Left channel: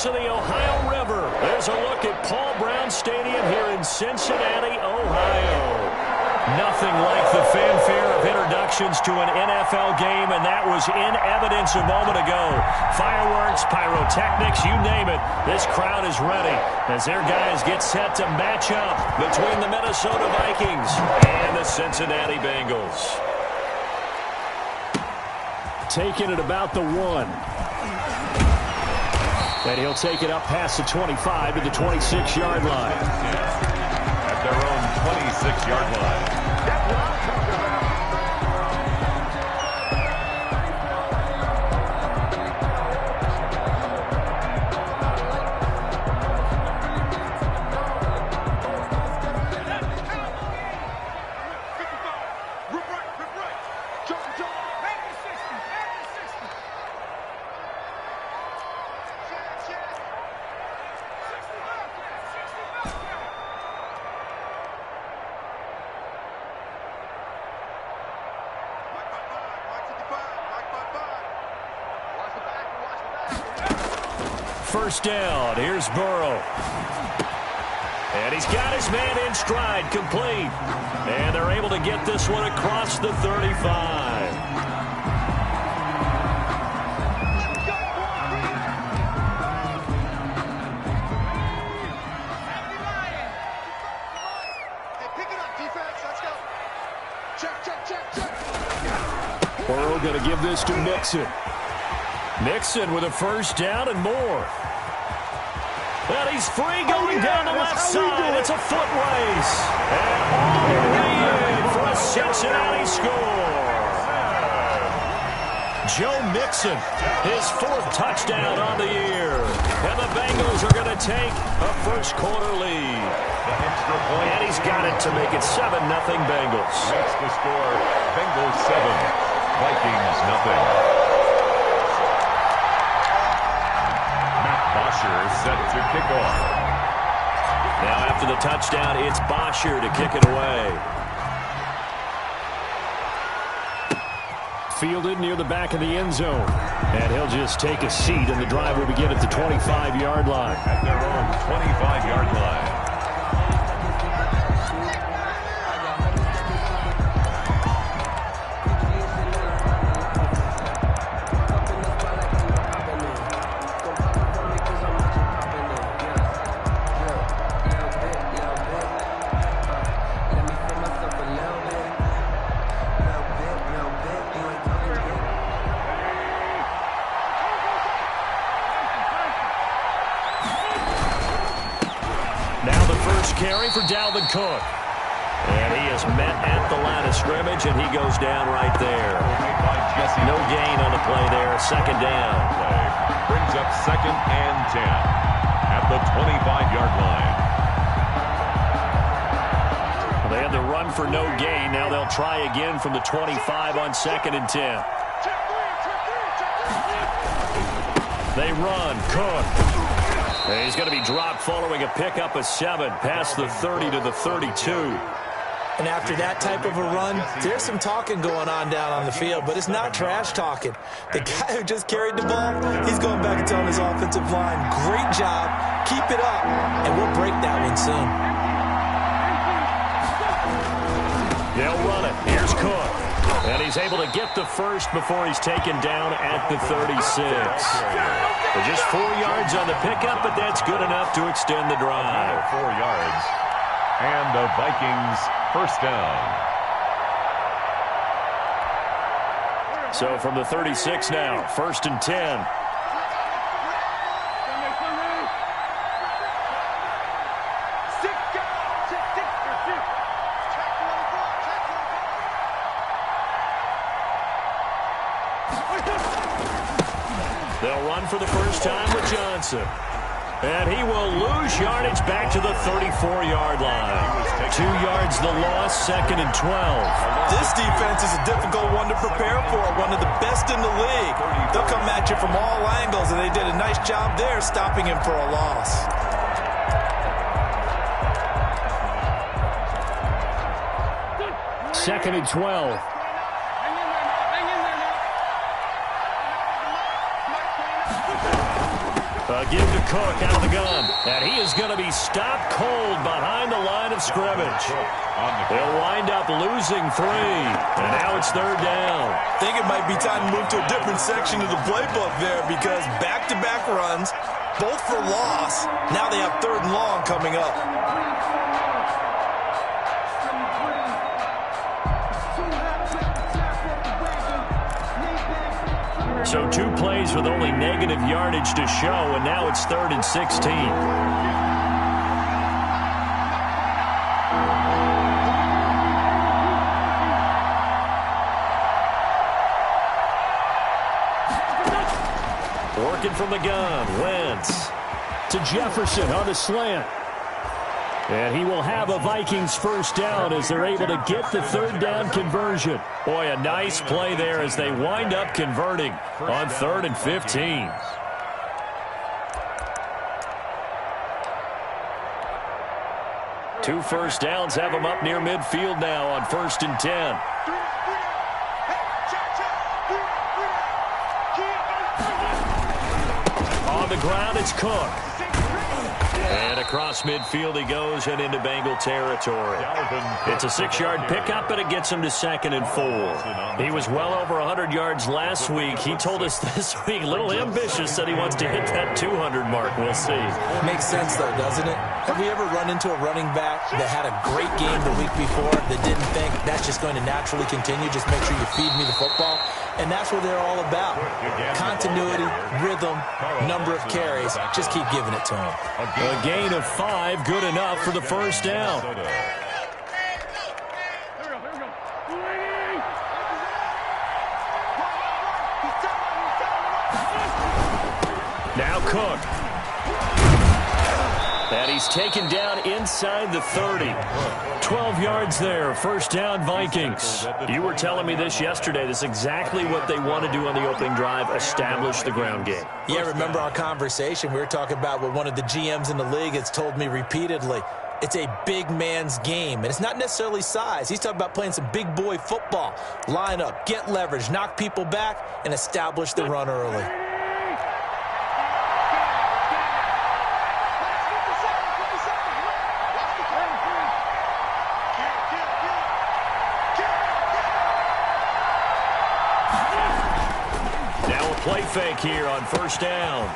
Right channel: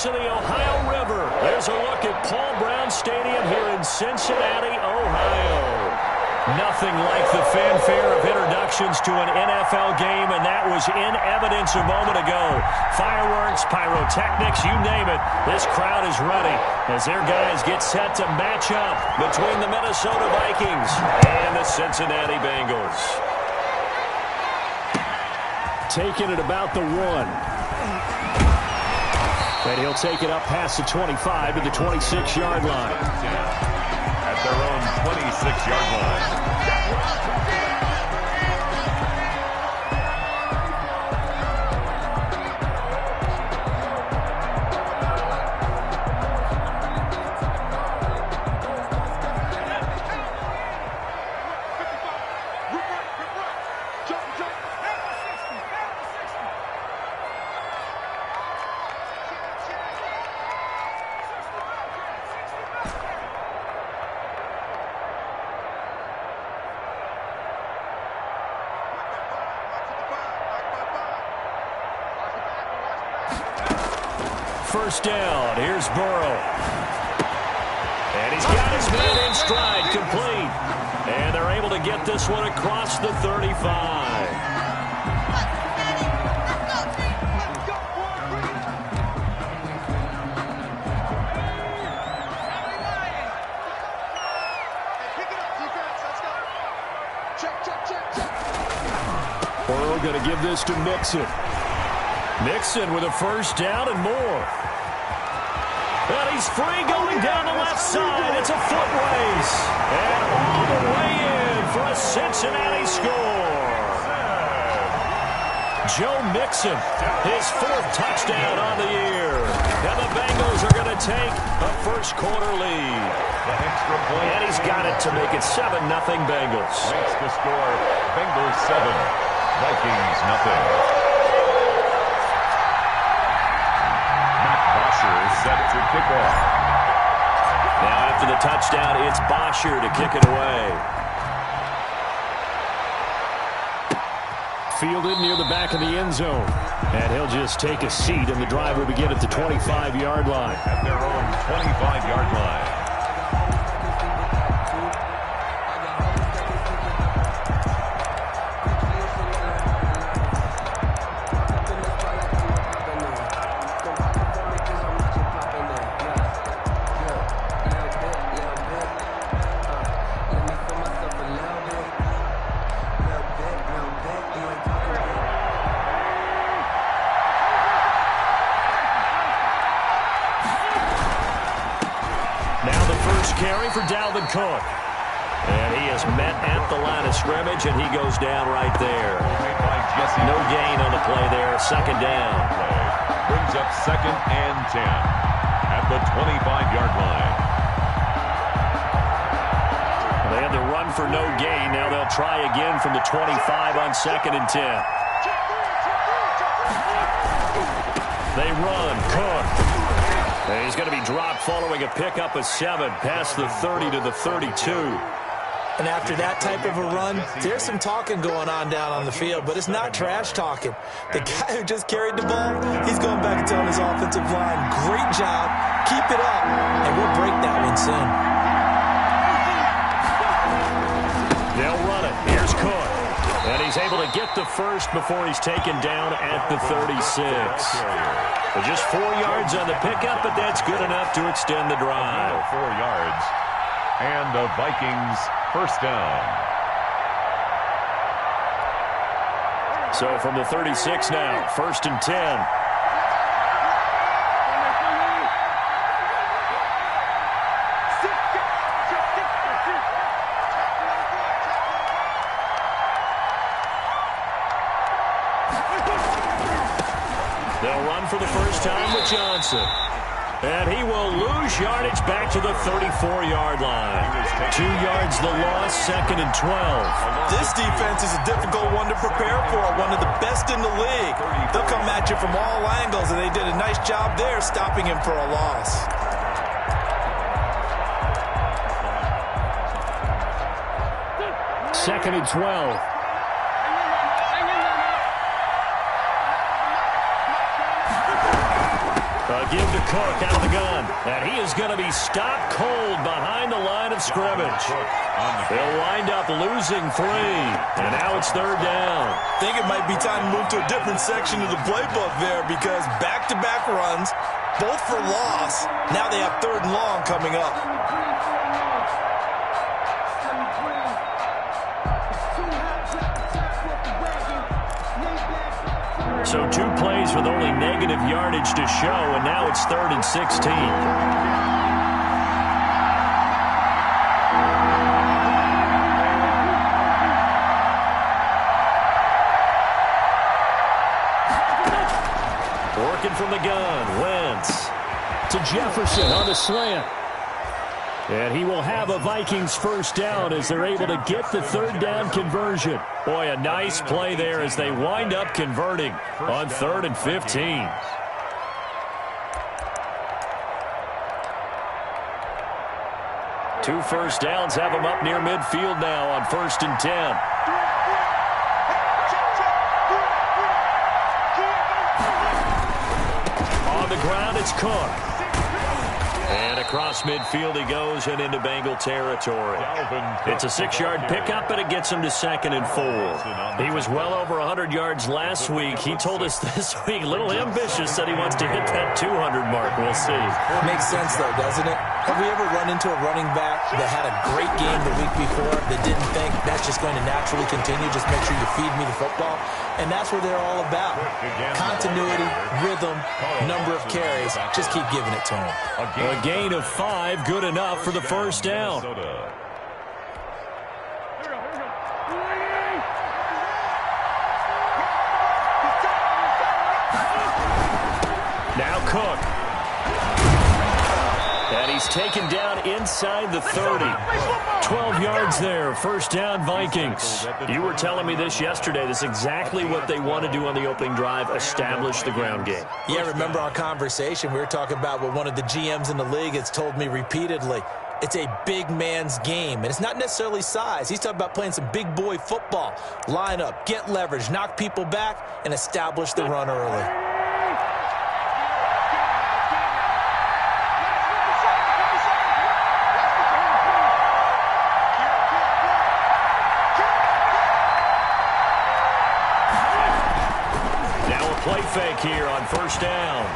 banks of the Ohio River. There's a look at Paul Brown Stadium here in Cincinnati, Ohio. Nothing like the fanfare of introductions to an NFL game, and that was in evidence a moment ago. Fireworks, pyrotechnics, you name it. This crowd is ready as their guys get set to match up between the Minnesota Vikings and the Cincinnati Bengals. Taking it about the 1. And he'll take it up past the 25 to the 26-yard line. At their own 26-yard line. That's what I'm talking about. First down. Here's Burrow. And he's got his man in stride, complete. And they're able to get this one across the 35. Burrow going to give this to Mixon. Mixon with a first down and more. And he's free going down the left side. It's a foot race. And all the way in for a Cincinnati score. Joe Mixon, his 4th touchdown on the year. And the Bengals are going to take a first-quarter lead. The extra point. And he's got it to make it 7-0 Bengals. Makes the score Bengals 7, Vikings nothing. Bosher set to kick off. Now after the touchdown, it's Bosher to kick it away. Fielded near the back of the end zone. And he'll just take a seat, and the drive will begin at the 25-yard line. At their own 25-yard line. Carry for Dalvin Cook. And he is met at the line of scrimmage, and he goes down right there. No gain on the play there. Second down. Brings up 2nd and 10 at the 25-yard line. They had the run for no gain. Now they'll try again from the 25 on 2nd and 10. They run. Cook. And he's going to be dropped following a pickup of 7 past the 30 to the 32. And after that type of a run, there's some talking going on the field, but it's not trash talking. The guy who just carried the ball, he's going back and telling his offensive line, great job, keep it up, and we'll break that one soon. They'll run it. Here's Cook. And he's able to get the first before he's taken down at the 36. But just 4 yards on the pickup, but that's good enough to extend the drive. 4 yards. And the Vikings first down. So from the 36 now, 1st and 10. They'll run for the first time with Johnson. And he will lose yardage back to the 34-yard line. 2 yards the loss, 2nd and 12. This defense is a difficult one to prepare for, one of the best in the league. They'll come at you from all angles, and they did a nice job there stopping him for a loss. Second and 12. A give to Cook out of the gun. And he is going to be stopped cold behind the line of scrimmage. He'll wind up losing 3. And now it's 3rd down. I think it might be time to move to a different section of the playbook there because back-to-back runs, both for loss. Now they have 3rd and long coming up. So 2 plays with only negative yardage to show, and now it's 3rd and 16. Working from the gun, Wentz to Jefferson on the slant. And he will have a Vikings 1st down as they're able to get the 3rd down conversion. Boy, a nice play there as they wind up converting on 3rd and 15. Two first downs have them up near midfield now on 1st and 10. On the ground, it's Cook. And across midfield he goes and into Bengal territory. It's a 6-yard pickup, and it gets him to 2nd and 4. He was well over 100 yards last week. He told us this week, a little ambitious, said he wants to hit that 200 mark. We'll see. Makes sense, though, doesn't it? Have we ever run into a running back that had a great game the week before that didn't think that's just going to naturally continue? Just make sure you feed me the football. And that's what they're all about. Continuity, rhythm, number of carries. Just keep giving it to him. A gain of 5, good enough for the 1st down. Now Cook. And he's taken down inside the 30. 12 yards there, 1st down Vikings. You were telling me this yesterday. This is exactly what they want to do on the opening drive, establish the ground game. Yeah, remember our conversation? We were talking about what one of the GMs in the league has told me repeatedly. It's a big man's game, and it's not necessarily size. He's talking about playing some big boy football. Line up, get leverage, knock people back, and establish the run early. Play fake here on 1st down.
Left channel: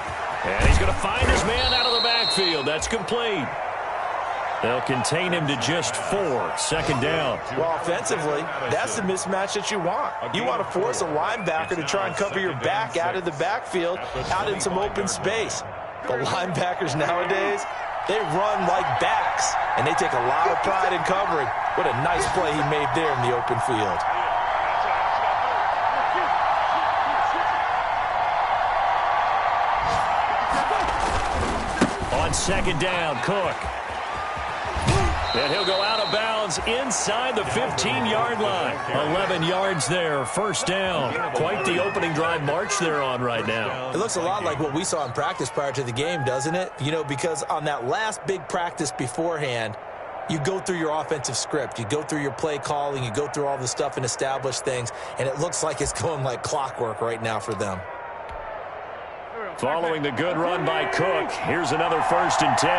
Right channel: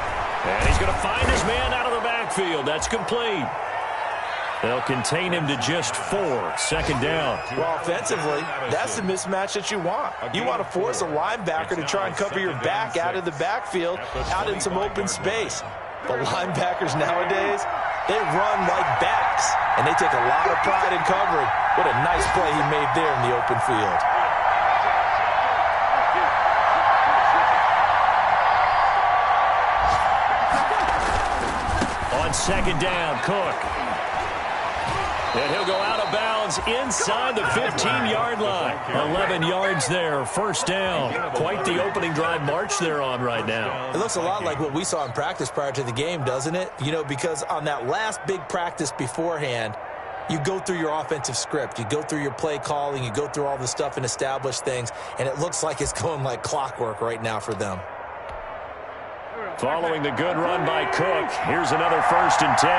And he's going to find his man out of the backfield. That's complete. They'll contain him to just 4. 2nd down. Well, offensively, that's the mismatch that you want. You want to force a linebacker to try and cover your back out of the backfield, out in some open space. The linebackers nowadays, they run like backs, and they take a lot of pride in covering. What a nice play he made there in the open field. On 2nd down, Cook. And he'll go out of bounds inside the 15-yard line. 11 yards there, 1st down. Quite the opening drive march they're on right now. It looks a lot like what we saw in practice prior to the game, doesn't it? You know, because on that last big practice beforehand, you go through your offensive script. You go through your play calling. You go through all the stuff and establish things. And it looks like it's going like clockwork right now for them. Following the good run by Cook, here's another 1st and 10.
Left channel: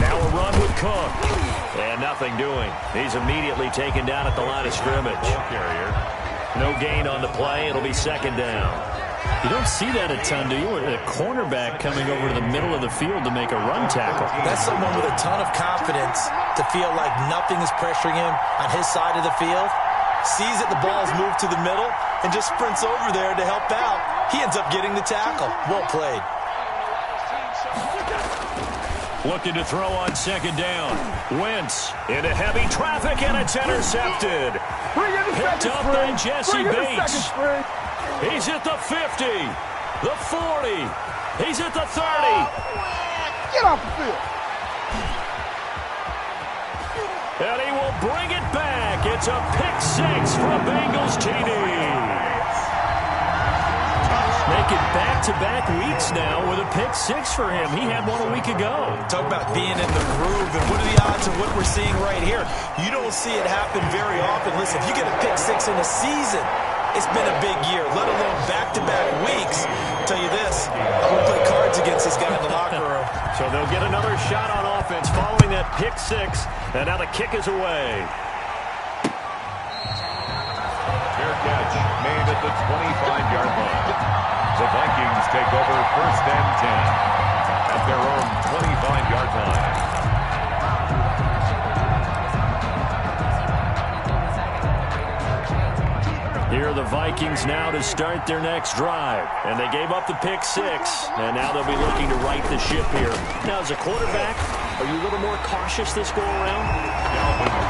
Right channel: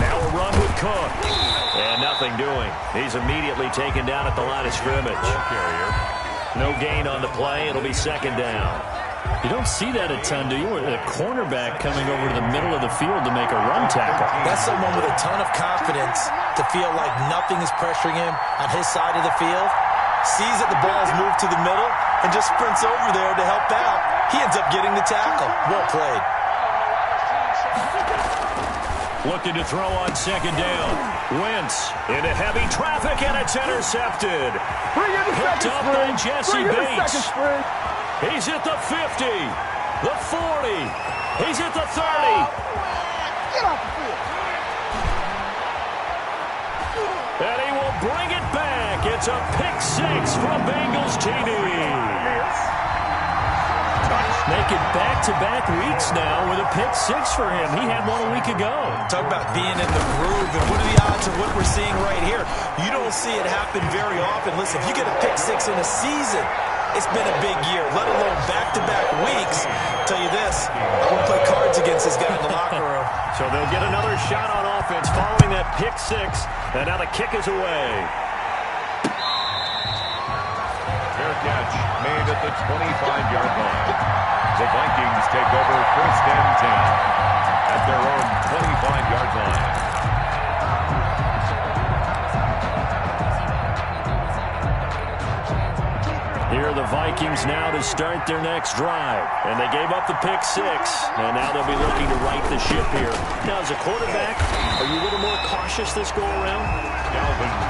Now a run with Cook. And nothing doing. He's immediately taken down at the line of scrimmage. No gain on the play. It'll be 2nd down. You don't see that a ton, do you? A cornerback coming over to the middle of the field to make a run tackle. That's someone with a ton of confidence to feel like nothing is pressuring him on his side of the field. Sees that the ball's moved to the middle and just sprints over there to help out. He ends up getting the tackle. Well played. Looking to throw on 2nd down. Wentz into heavy traffic, and it's intercepted. Picked up by Jesse Bates. He's at the 50, the 40. He's at the 30. Get off the field. And he will bring it back. It's a pick 6 from Bengals TD. Making back-to-back weeks now with a pick six for him. He had one a week ago. Talk about being in the groove, and what are the odds of what we're seeing right here? You don't see it happen very often. Listen, if you get a pick six in a season, it's been a big year, let alone back-to-back weeks. I'll tell you this, I won't play cards against this guy in the locker room. So they'll get another shot on offense following that pick six, and now the kick is away. Fair catch made at the 25-yard line. The Vikings take over 1st and 10 at their own 25-yard line. Here are the Vikings now to start their next drive. And they gave up the pick six, and now they'll be looking to right the ship here. Now, as a quarterback, are you a little more cautious this go-around?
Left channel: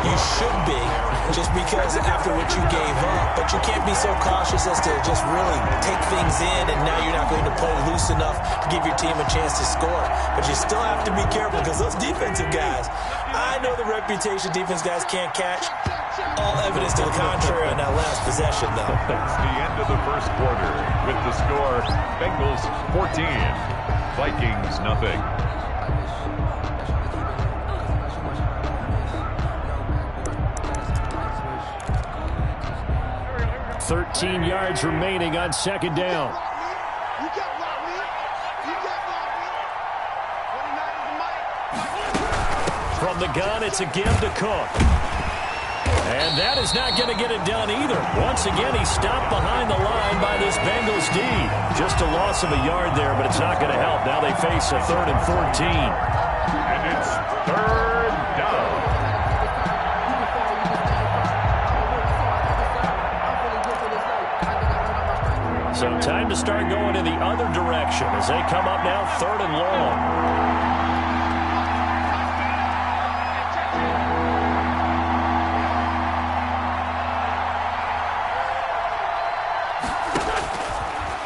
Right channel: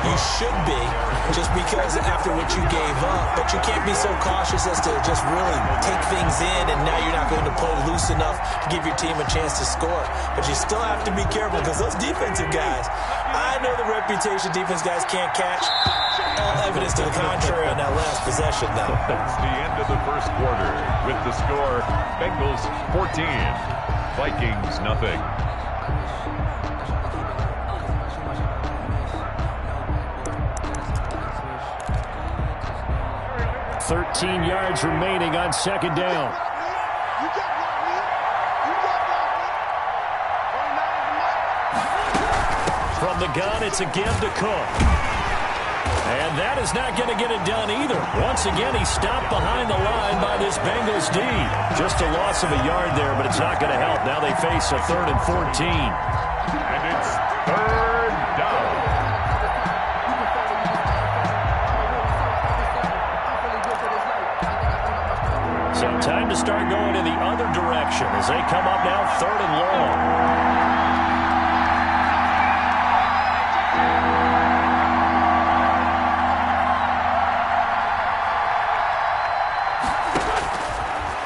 You should be, just because after what you gave up. But you can't be so cautious as to just really take things in, and now you're not going to play loose enough to give your team a chance to score. But you still have to be careful, because those defensive guys, I know the reputation defense guys can't catch. All evidence to the contrary on that last possession, though. That's the end of the first quarter with the score Bengals 14, Vikings nothing. $13 yards remaining on second down. You can't block me. You can't block me. 29 is the mic. From the gun, it's again to Cook. And that is not going to get it done either. Once again, he stopped behind the line by this Bengals D. Just a loss of a yard there, but it's not going to help. Now they face a 3rd and 14. And it's 3rd down. So time to start going in the other direction as they come up now 3rd and long.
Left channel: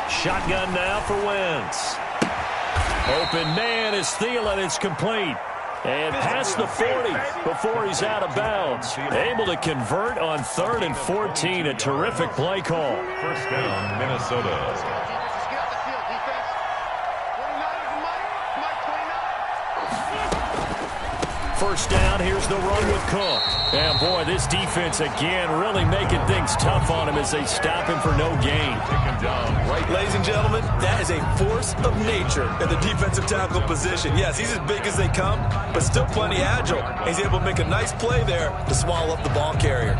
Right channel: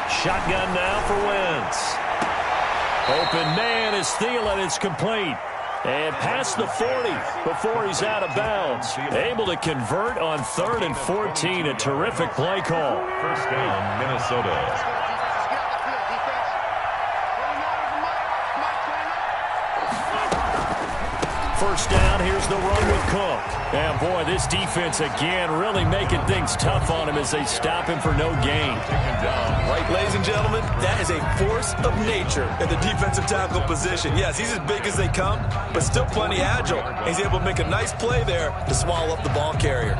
Shotgun now for Wentz. Open man is Thielen. It's complete. And past the 40 before he's out of bounds. Able to convert on 3rd and 14. A terrific play call. First down, Minnesota. Let's go, defense. Let's get out the field, defense. 29 is the mic. Mic 29. First down, here's the run with Cook. And boy, this defense again really making things tough on him as they stop him for no gain. Taken down right. Ladies and gentlemen, that is a force of nature at the defensive tackle position. Yes, he's as big as they come, but still plenty agile. He's able to make a nice play there to swallow up the ball carrier.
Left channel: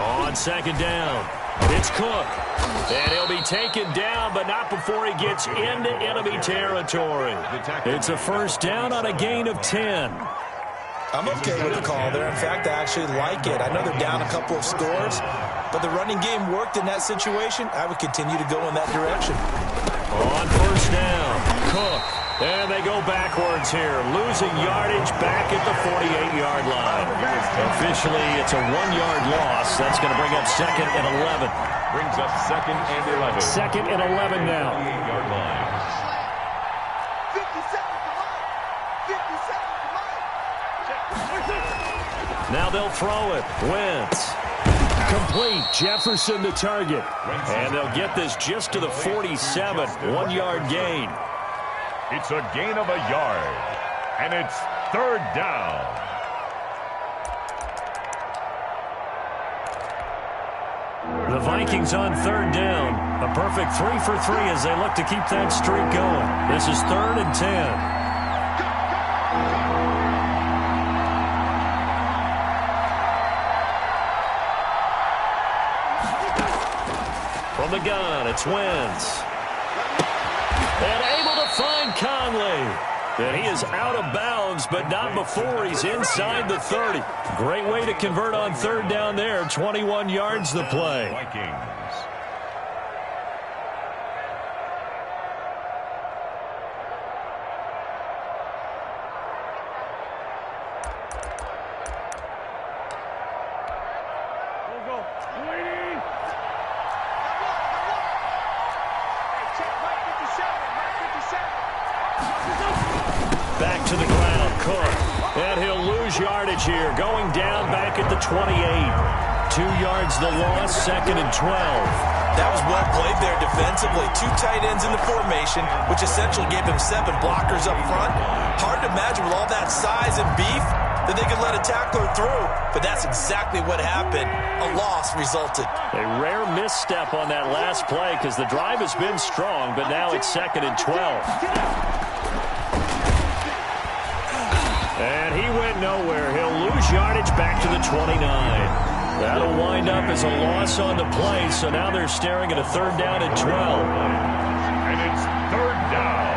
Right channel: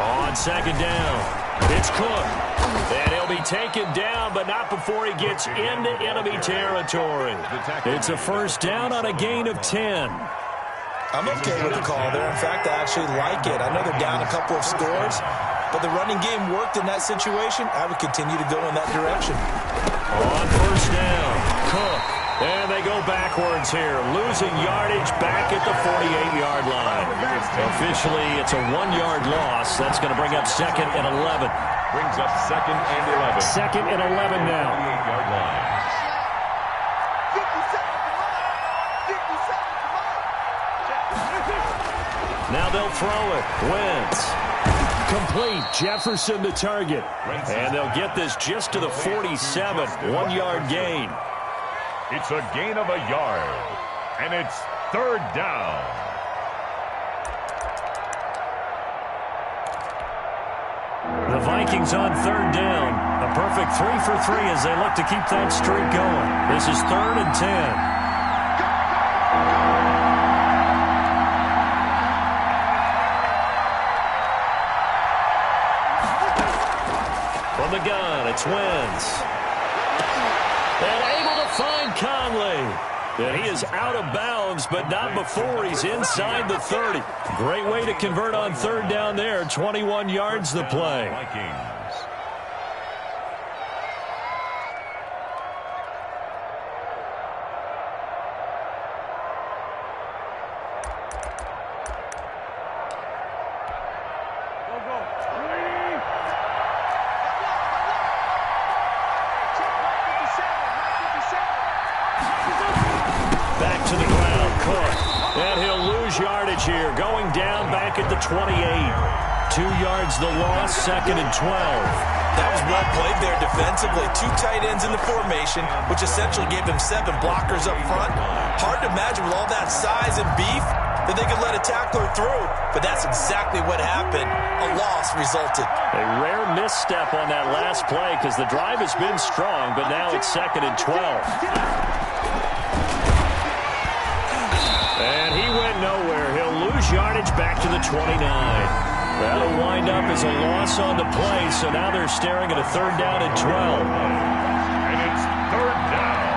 On second down, it's Cook. And he'll be taken down, but not before he gets into enemy territory. It's a first down on a gain of 10. I'm okay with the call there. In fact, I actually like it. I know they're down a couple of scores, but the running game worked in that situation. I would continue to go in that direction. On first down, Cook. And they go backwards here, losing yardage back at the 48-yard line. Officially, it's a 1-yard loss. That's going to bring up 2nd and 11. Brings up 2nd and 11. 2nd and 11 now. 48-yard line. 50 seconds to mine. 50 seconds to mine. Now they'll throw it. Wentz. Complete. Jefferson the target. And they'll get this just to the 47. 1-yard gain. It's a gain of a yard. And it's 3rd down. The Vikings on 3rd down. A perfect 3 for 3 as they look to keep that streak going. This is 3rd and 10. From the gun, it's Wentz. And able to find Conley. And he is out of bounds, but not before he's inside the 30. Great way to convert on 3rd down there. 21 yards the play. Vikings. to the ground. Cook. And he'll lose yardage here. Going down back at the 28. 2 yards the loss, 2nd and 12. That was well played there defensively. 2 tight ends in the formation, which essentially gave them 7 blockers up front. Hard to imagine with all that size and beef that they could let a tackler through, but that's exactly what happened. A loss resulted. A rare misstep on that last play because the drive has been strong, but now it's 2nd and 12. And he went nowhere. He'll lose yardage back to the 29. That'll wind up as a loss on the play, so now they're staring at a 3rd down and 12. And it's 3rd down.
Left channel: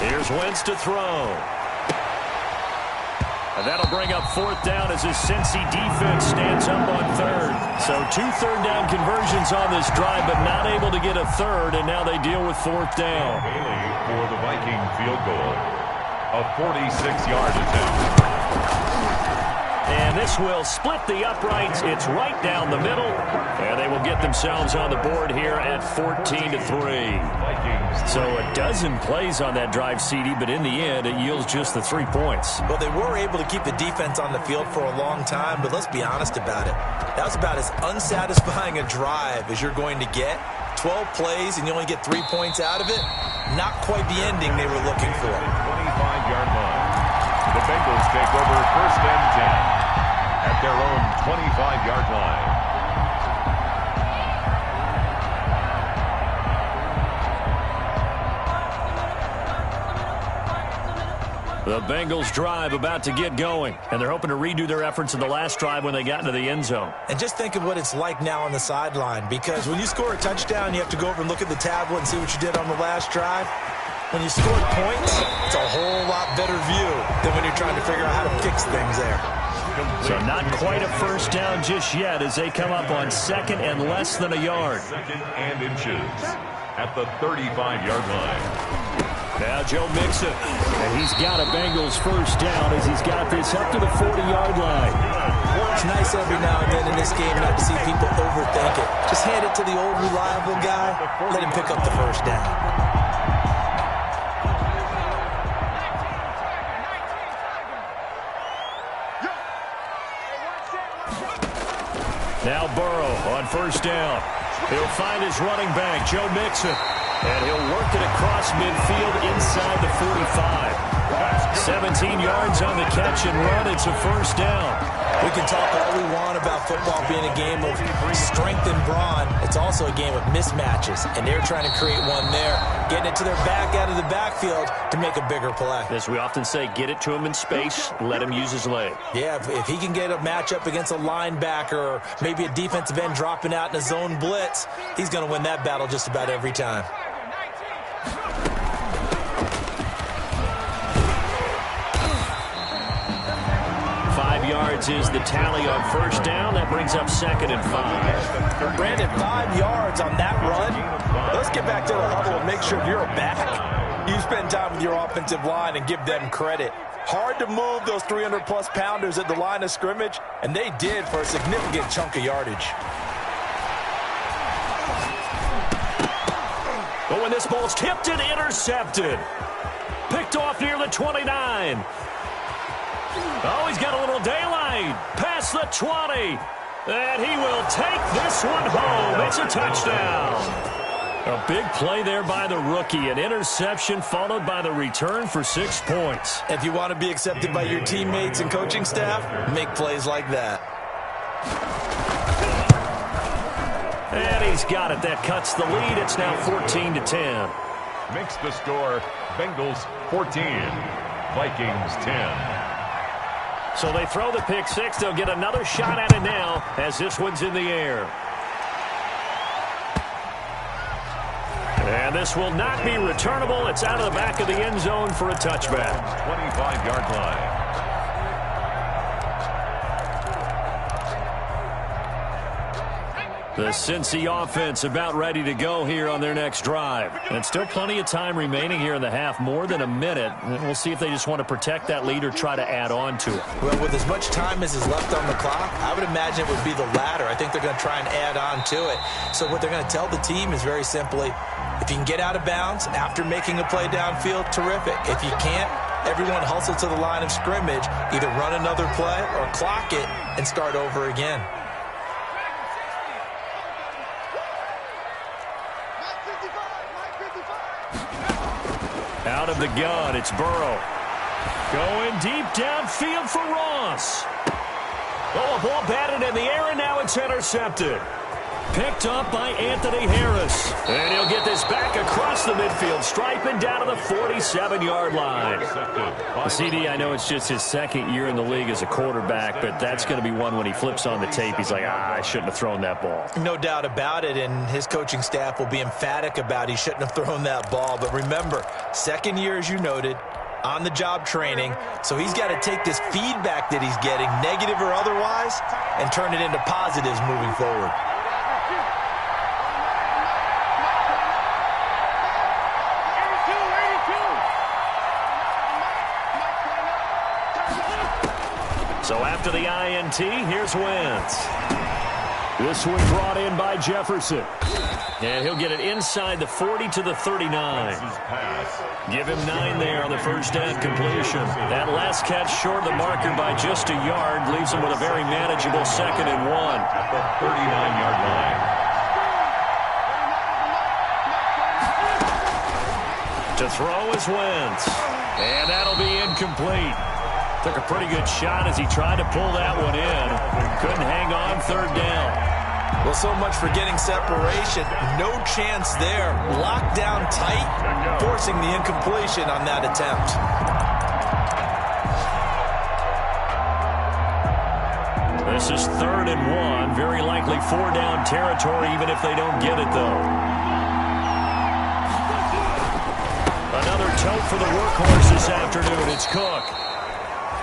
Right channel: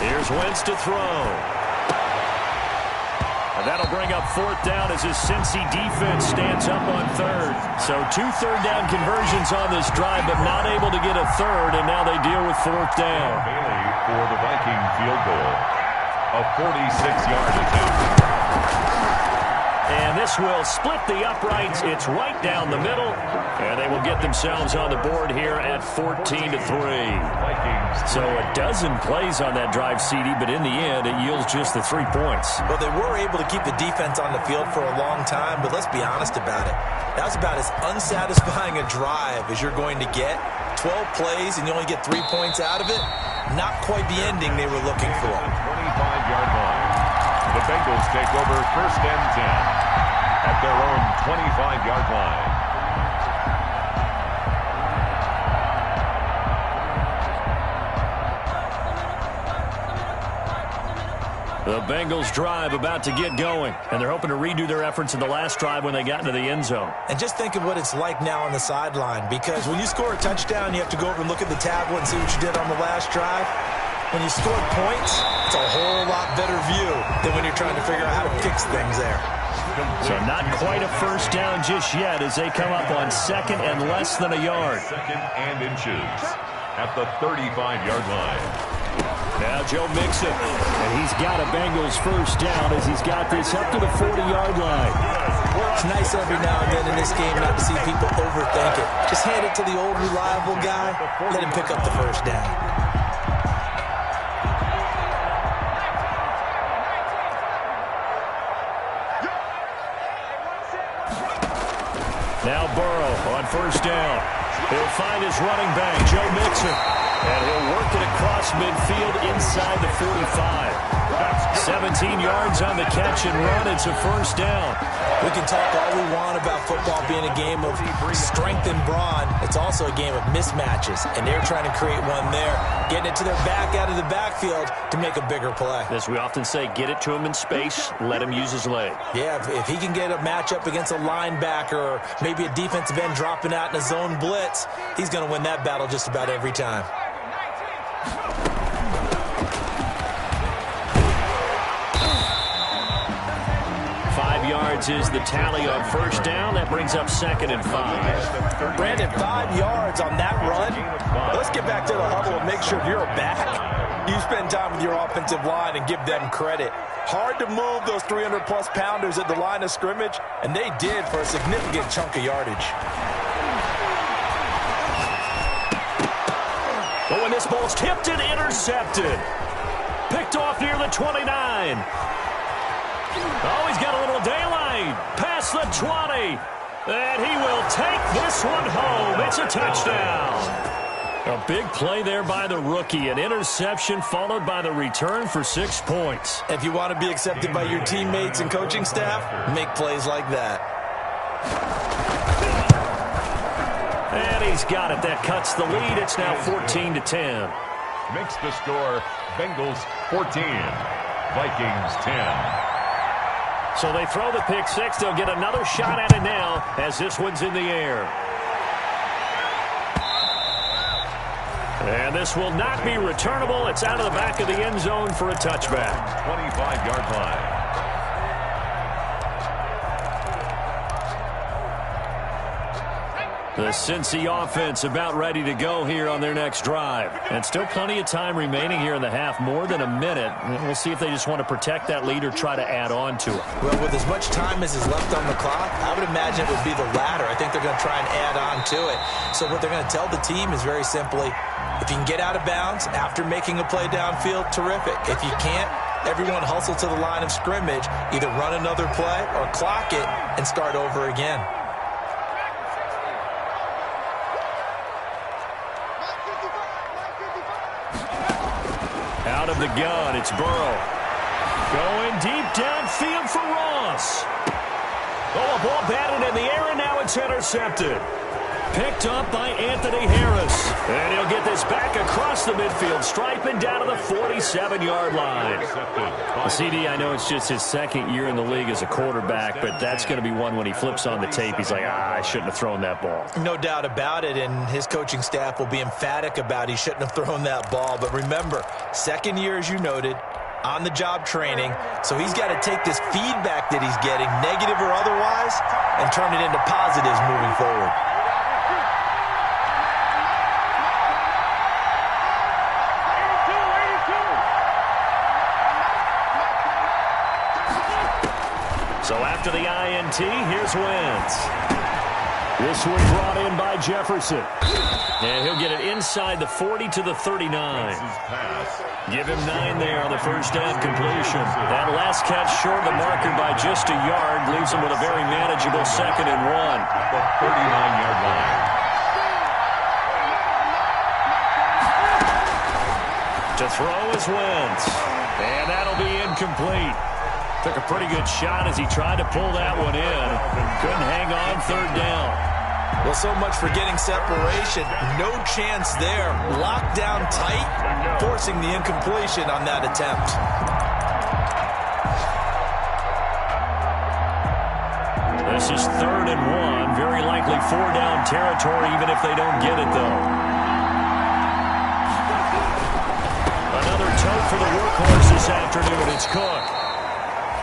Here's Wentz to throw. And that'll bring up 4th down as his Cincy defense stands up on 3rd. So 2 3rd down conversions on this drive, but not able to get a 3rd, and now they deal with 4th down. Bailey for the Viking field goal. A 46-yard attempt. And this will split the uprights. It's right down the middle. And they will get themselves on the board here at 14-3. Vikings. So a dozen plays on that drive, CD, but in the end, it yields just the 3 points. Well, they were able to keep the defense on the field for a long time, but let's be honest about it. That was about as unsatisfying a drive as you're going to get. 12 plays and you only get 3 points out of it. Not quite the ending they were looking for. 25-yard line. The Bengals take over 1st and 10 at their own 25-yard line. The Bengals drive about to get going, and they're hoping to redo their efforts in the last drive when they got into the end zone. And just think of what it's like now on the sideline, because when you score a touchdown, you have to go over and look at the tablet and see what you did on the last drive. When you scored points, it's a whole lot better view than when you're trying to figure out how to fix things there. So not quite a 1st down just yet as they come up on 2nd and less than a yard. 2nd and inches at the 35-yard line. Now Joe Mixon, and he's got a Bengals 1st down as he's got this up to the 40-yard line. It's nice every now and then in this game not to see people overthink it. Just hand it to the old reliable guy, let him pick up the 1st down. Now Burrow on 1st down. He'll find his running back, Joe Mixon. And he'll work it across midfield inside the 45. 17 yards on the catch and run. It's a 1st down. We can talk all we want about football being a game of strength and brawn. It's also a game of mismatches, and they're trying to create one there, getting it to their back out of the backfield to make a bigger play. As we often say, get it to him in space, let him use his leg. Yeah, if he can get a matchup against a linebacker or maybe a defensive end dropping out in a zone blitz, he's going to win that battle just about every time. 5 yards is the tally on 1st down. That brings up 2nd and 5. Brandon, 5 yards on that run. Let's get back to the huddle and make sure if you're a back, you spend time with your offensive line and give them credit. Hard to move those 300-plus pounders at the line of scrimmage, and they did for a significant chunk of yardage. But when this ball's tipped and intercepted. Picked off near the 29. Oh, he's got a little daylight. Past the 20. And he will take this one home. It's a touchdown. A big play there by the rookie. An interception followed by the return for 6 points. If you want to be accepted by your teammates and coaching staff, make plays like that. And he's got it. That cuts the lead. It's now 14-10. Makes the score Bengals 14, Vikings 10. So they throw the pick six. They'll get another shot at it now as this one's in the air. And this will not be returnable. It's out of the back of the end zone for a touchback. 25-yard line. The Cincy offense about ready to go here on their next drive. And still plenty of time remaining here in the half, more than a minute. And we'll see if they just want to protect that lead or try to add on to it. Well, with as much time as is left on the clock, I would imagine it would be the latter. I think they're going to try and add on to it. So what they're going to tell the team is very simply, if you can get out of bounds after making a play downfield, terrific. If you can't, everyone hustle to the line of scrimmage, either run another play or clock it and start over again. Out of the gun, it's Burrow. Going deep downfield for Ross. Oh, a ball batted in the air, and now it's intercepted. Picked up by Anthony Harris. And he'll get this back across the midfield stripe and down to the 47-yard line. CD, I know it's just his second year in the league as a quarterback, but that's going to be one when he flips on the tape. He's like, I shouldn't have thrown that ball. No doubt about it, and his coaching staff will be emphatic about he shouldn't have thrown that ball. But remember, second year, as you noted, on-the-job training, so he's got to take this feedback that he's getting, negative or otherwise, and turn it into positives moving forward. So after the INT, here's Wentz. This one brought in by Jefferson. And he'll get it inside the 40 to the 39. Give him 9 there on the first down completion. That last catch short of the marker by just a yard leaves him with a very manageable 2nd and 1. At the 39-yard line. To throw is Wentz. And that'll be incomplete. Took a pretty good shot as he tried to pull that one in. Couldn't hang on, 3rd down. Well, so much for getting separation. No chance there. Locked down tight, forcing the incompletion on that attempt. This is 3rd and 1. Very likely 4-down territory, even if they don't get it, though. Another tote for the workhorse this afternoon. It's Cook.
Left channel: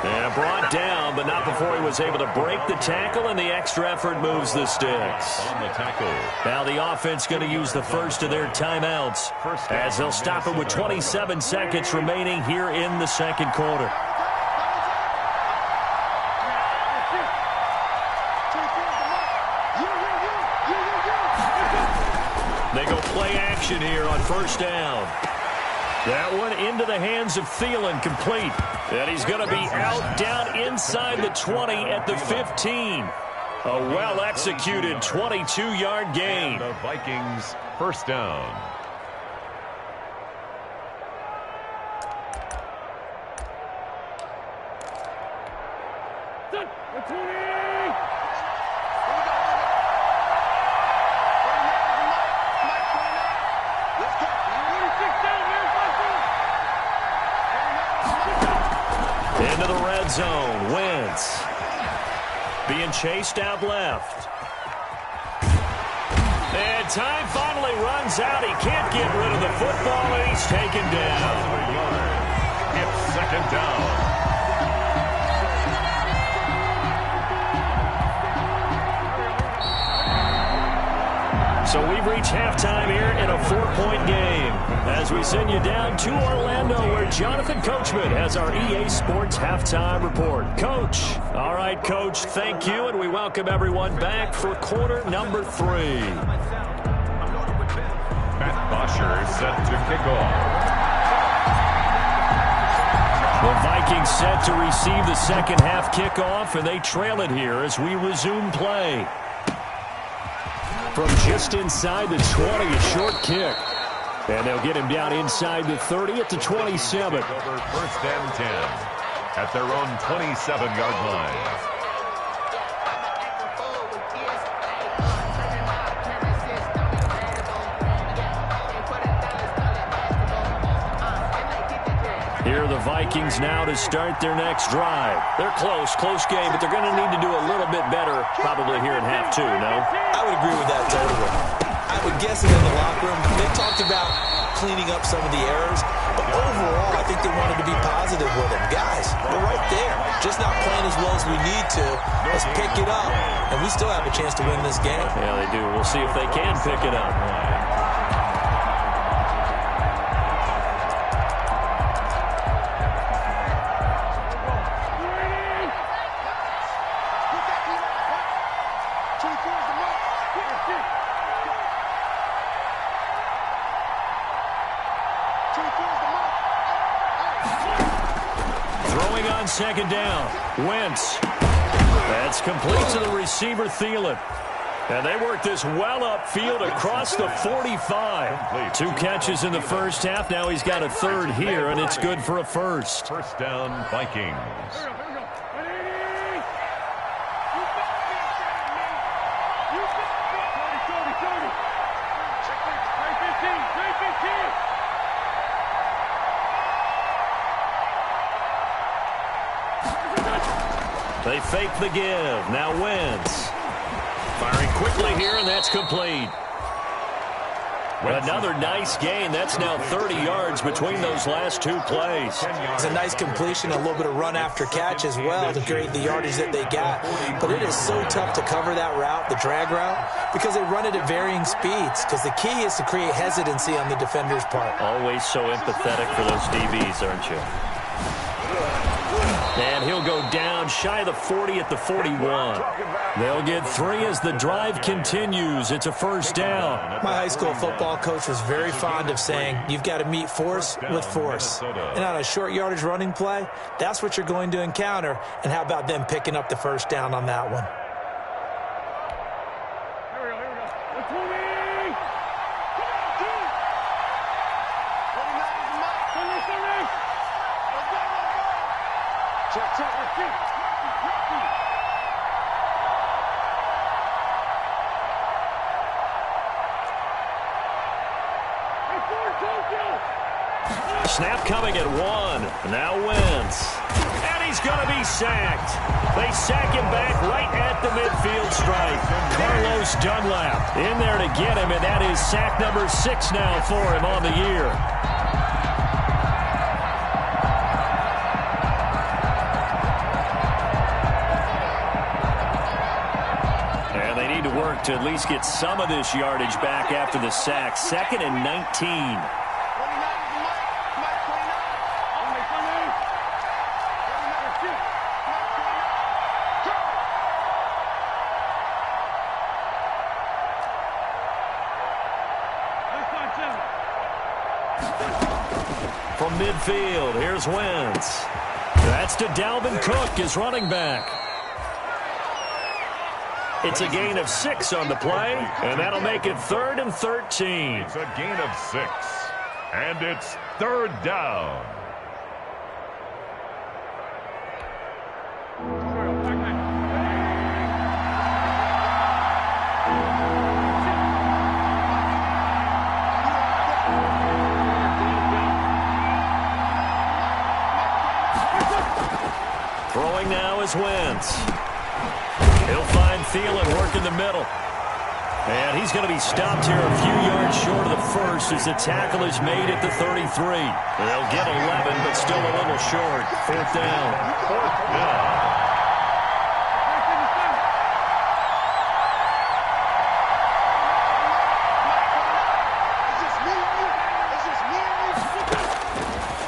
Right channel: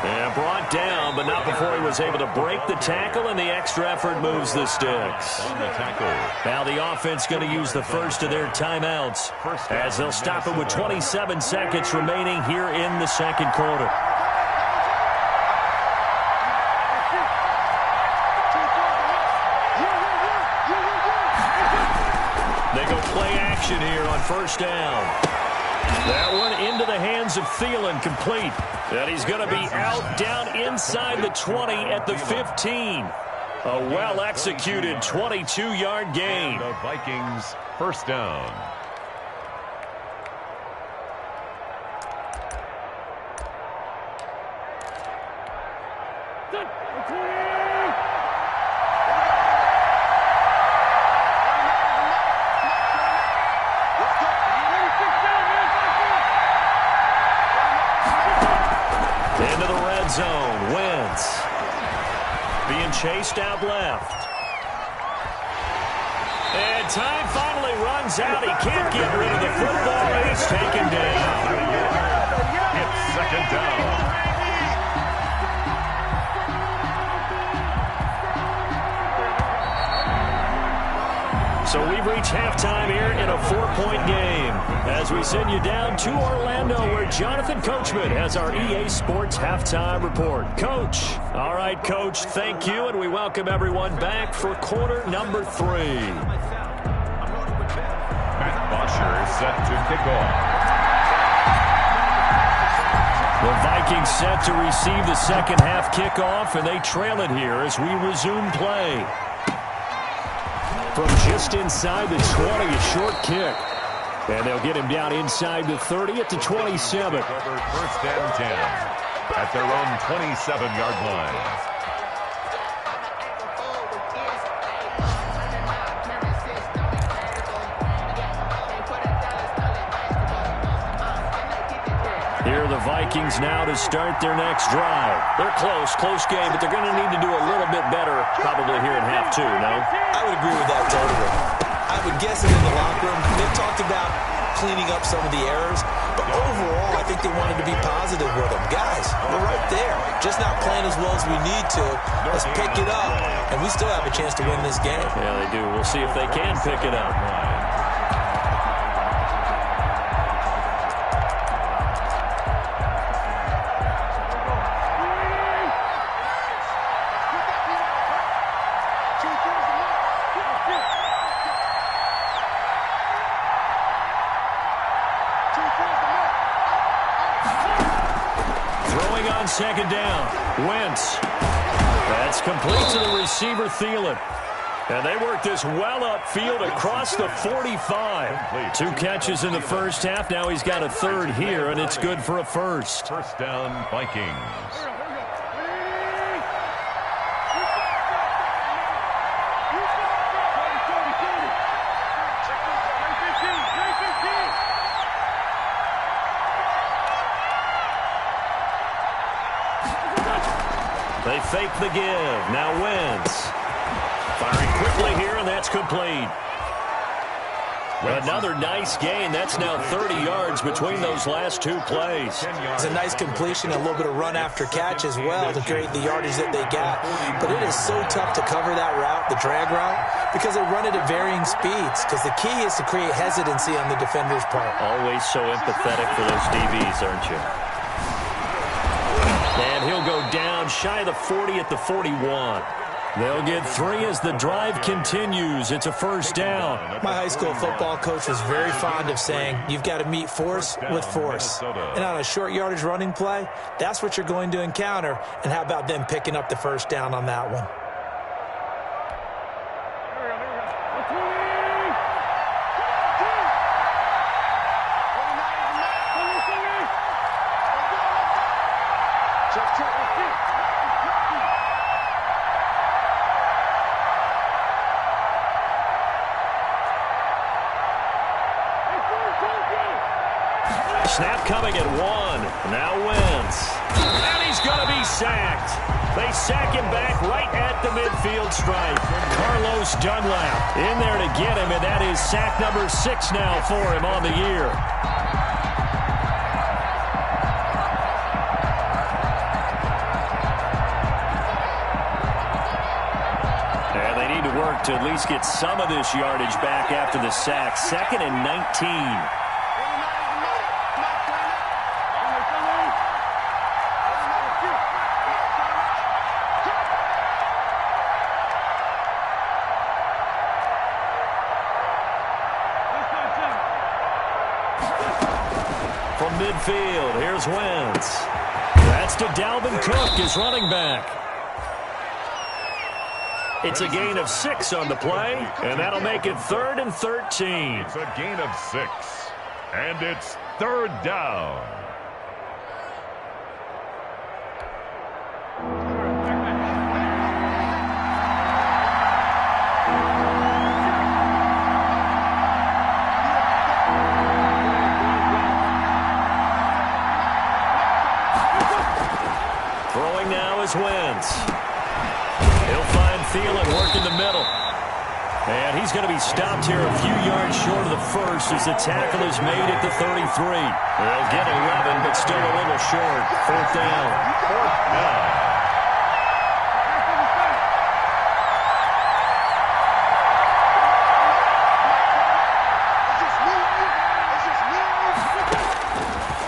And brought down, but not before he was able to break the tackle, and the extra effort moves the sticks. On the tackle. Now the offense going to use the first of their timeouts as they'll stop it with 27 seconds remaining here in the second quarter. They go play action here on first down. That one into the hands of Thielen, complete. And he's going to be out down inside the 20 at the 15. A well-executed 22-yard gain. The Vikings first down. Into the red zone, Wentz. Being chased out left. And time finally runs out. He can't get rid of the football, and he's taken down. It's 2nd down. So we've reached halftime here in a 4-point game as we send you down to Orlando where Jonathan Coachman has our EA Sports halftime report. Coach. All right, Coach, thank you, and we welcome everyone back for quarter number 3. Matt Bosher set to kick off. The Vikings set to receive the second half kickoff, and they trail it here as we resume play. From just inside the 20, a short kick. And they'll get him down inside the 30 at the 27. Over 1st and 10 at their own 27-yard line. Here are the Vikings now to start their next drive. They're close game, but they're going to need to do a little bit better probably here in half 2, no? I would agree with that totally. I would guess it in the locker room. They've talked about cleaning up some of the errors, but overall, I think they wanted to be positive with him. Guys, we're right there. Just not playing as well as we need to. Let's pick it up, and we still have a chance to win this game. Yeah, they do. We'll see if they can pick it up. Throwing on second down. Wentz. That's complete to the receiver, Thielen. And they work this well upfield across the 45. 2 catches in the first half. Now he's got a third here, and it's good for a first. First down, Vikings. They fake the give. Now Wentz. Firing quickly here, and that's complete. Another nice gain. That's now 30 yards between those last 2 plays. It's a nice completion, a little bit of run after catch as well to create the yardage that they got. But it is so tough to cover that route, the drag route, because they run it at varying speeds. Because the key is to create hesitancy on the defender's part. Always so empathetic for those DBs, aren't you? And he'll go down shy of the 40 at the 41. They'll get 3 as the drive continues. It's a first down. My high school football coach was very fond of saying, you've got to meet force with force. And on a short yardage running play, that's what you're going to encounter. And how about them picking up the first down on that one? Snap coming at 1. Now Wentz. And he's going to be sacked. They sack him back right at the midfield stripe. Carlos Dunlap in there to get him, and that is sack number 6 now for him on the year. And they need to work to at least get some of this yardage back after the sack. 2nd and 19. From midfield, here's Wentz. That's to Dalvin Cook, his running back. It's a gain of 6 on the play, and that'll make it 3rd and 13. It's a gain of 6, and it's 3rd down. Throwing now is Wentz. He'll find Thielen working the middle. And he's going to be stopped here a few yards short of the first as the tackle is made at the 33. They'll get 11, but still a little short. 4th down. 4th down.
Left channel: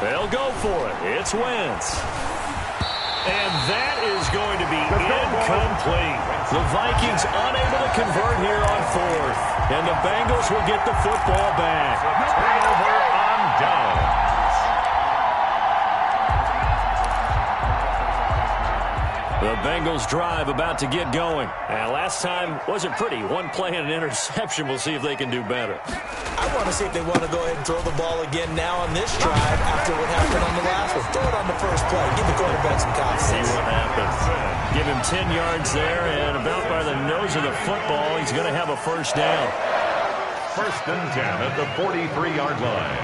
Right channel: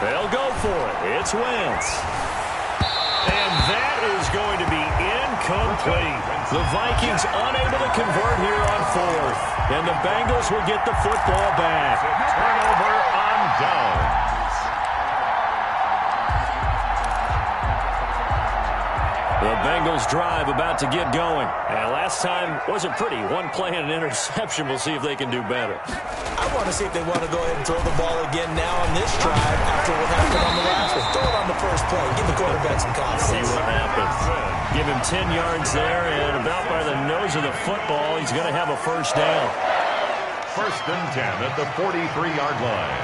They'll go for it. It's Wentz. And that is going to be incomplete. The Vikings unable to convert here on 4th. And the Bengals will get the football back. Turnover on downs. The Bengals drive about to get going. And last time wasn't pretty. 1 play and an interception. We'll see if they can do better. I want to see if they want to go ahead and throw the ball again now on this drive after what happened on the last one. Throw it on the first play. Give the quarterback some confidence. See what happens. Give him 10 yards there, and about by the nose of the football, he's going to have a first down. 1st and 10 at the 43-yard line.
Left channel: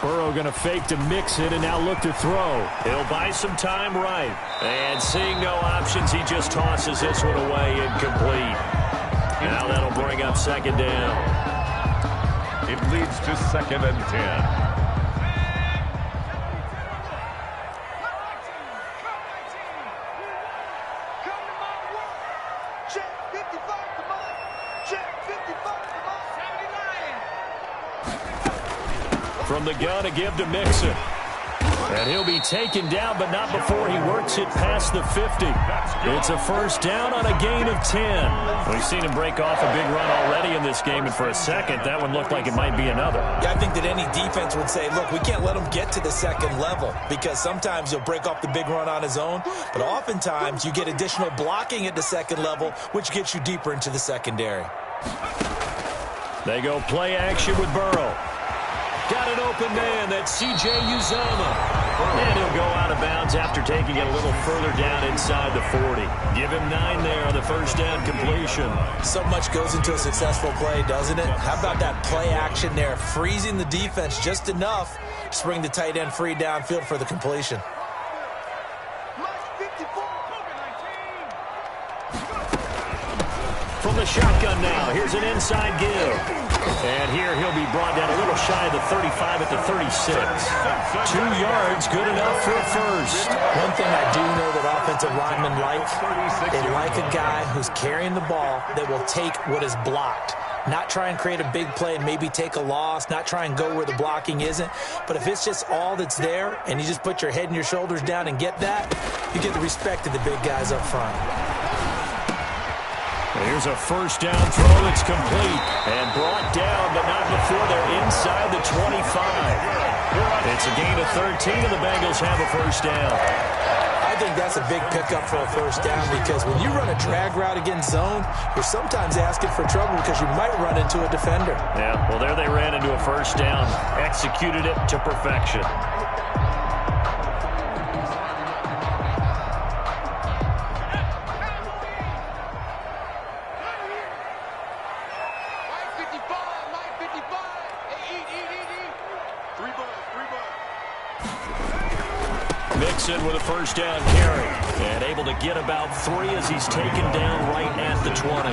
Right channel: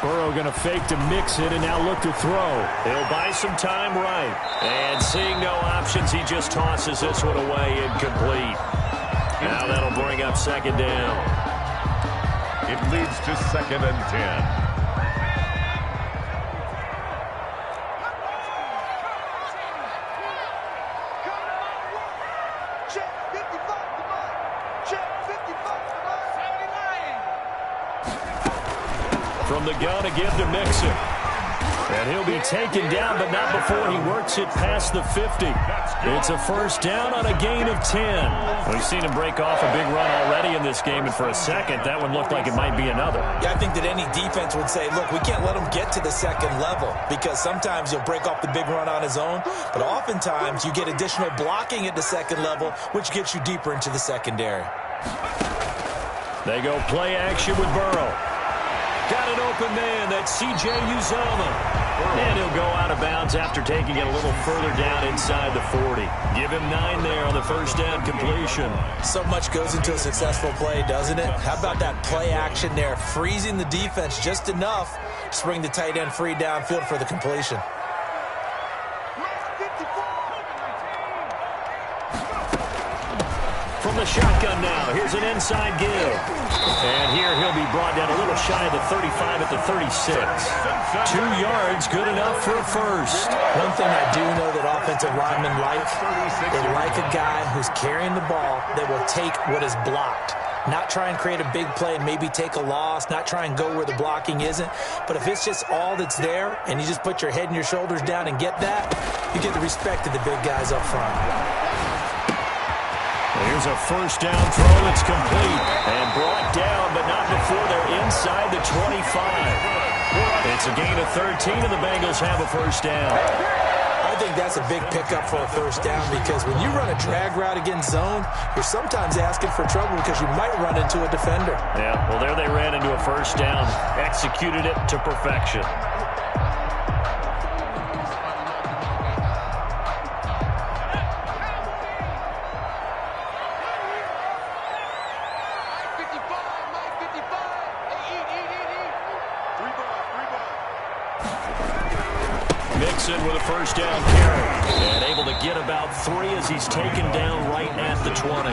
Burrow going to fake to mix it and now look to throw. He'll buy some time right. And seeing no options, he just tosses this one away incomplete. Now that'll bring up second down. It leads to 2nd and 10. From the gun, a give to Mixon. And he'll be taken down, but not before he works it past the 50. It's a first down on a gain of 10. We've seen him break off a big run already in this game, and for a second, that one looked like it might be another. Yeah, I think that any defense would say, look, we can't let him get to the second level, because sometimes he'll break off the big run on his own, but oftentimes you get additional blocking at the second level, which gets you deeper into the secondary. They go play action with Burrow. Got an open man. That's C.J. Uzomah. And he'll go out of bounds after taking it a little further down inside the 40. Give him 9 there on the first down completion. So much goes into a successful play, doesn't it? How about that play action there, freezing the defense just enough to bring the tight end free downfield for the completion. From the shotgun now, here's an inside give. And here he'll be brought down a little shy of the 35 at the 36. 2 yards, good enough for a first. One thing I do know that offensive linemen like, they like a guy who's carrying the ball that will take what is blocked. Not try and create a big play and maybe take a loss, not try and go where the blocking isn't. But if it's just all that's there and you just put your head and your shoulders down and get that, you get the respect of the big guys up front. Here's a first down throw. It's complete and brought down, but not before they're inside the 25. It's a gain of 13, and the Bengals have a first down. I think that's a big pickup for a first down, because when you run a drag route against zone, you're sometimes asking for trouble because you might run into a defender. Yeah, well, there they ran into a first down, executed it to perfection. Mixon with a first down carry and able to get about 3 as he's taken down right at the 20.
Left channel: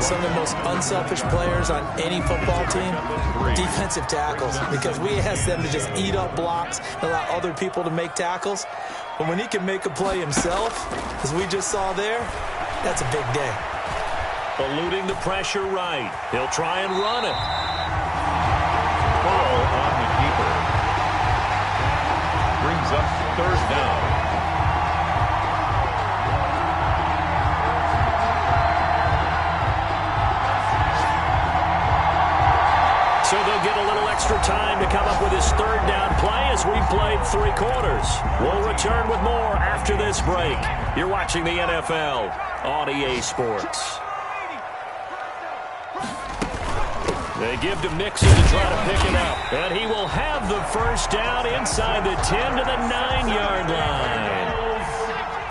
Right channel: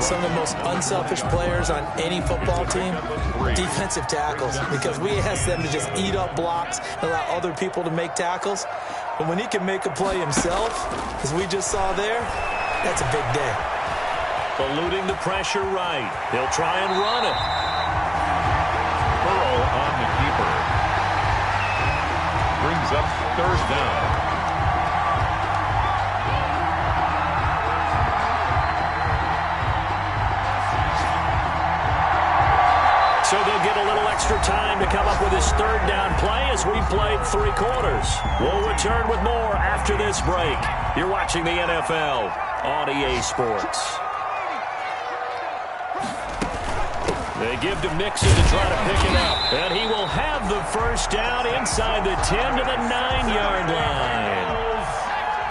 Some of the most unselfish players on any football team, defensive tackles, because we ask them to just eat up blocks and allow other people to make tackles. But when he can make a play himself, as we just saw there, that's a big day. Eluding the pressure right. He'll try and run it. Burrow on the keeper. Brings up 3rd down. So they'll get a little extra time to come up with his 3rd down play as we played 3 quarters. We'll return with more after this break. You're watching the NFL on EA Sports. They give to Mixon to try to pick it up. And he will have the first down inside the 10 to the 9-yard line.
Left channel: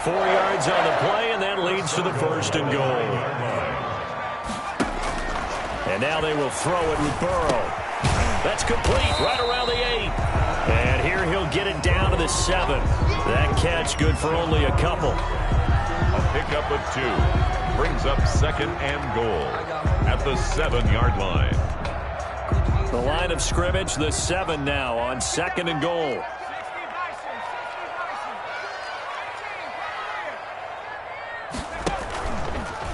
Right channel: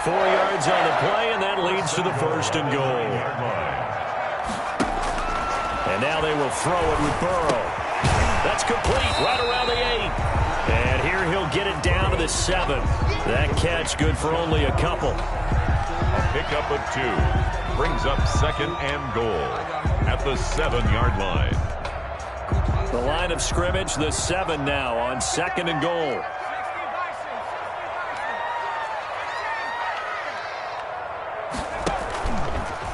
4 yards on the play, and that leads to the 1st and goal. And now they will throw it with Burrow. That's complete right around the 8. And here he'll get it down to the 7. That catch good for only a couple. A pickup of 2. Brings up 2nd and goal at the 7-yard line. The line of scrimmage, the 7 now on 2nd and goal.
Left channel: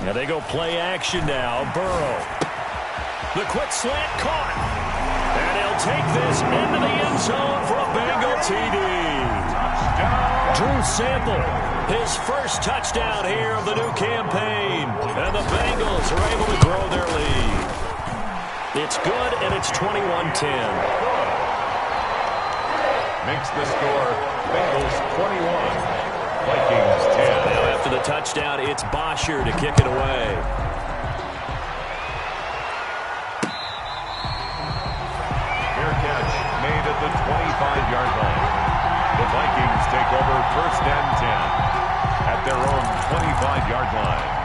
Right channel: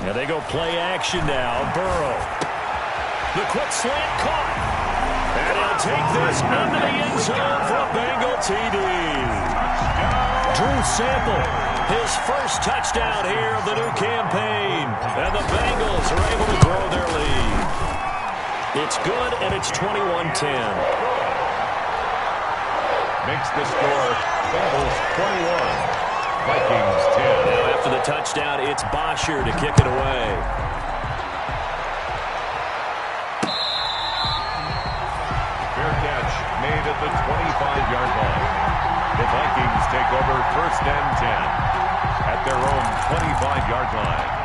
Now they go play action now. Burrow. The quick slant caught. And he'll take this into the end zone for a Bengal TD. Drew Sample, his first touchdown here of the new campaign. And the Bengals are able to grow their lead. It's good, and it's 21-10. Makes the score Bengals 21, Vikings 10. Now after the touchdown, it's Bosher to kick it away. Fair catch made at the 25-yard line. The Vikings take over 1st and 10 at their own 25-yard line.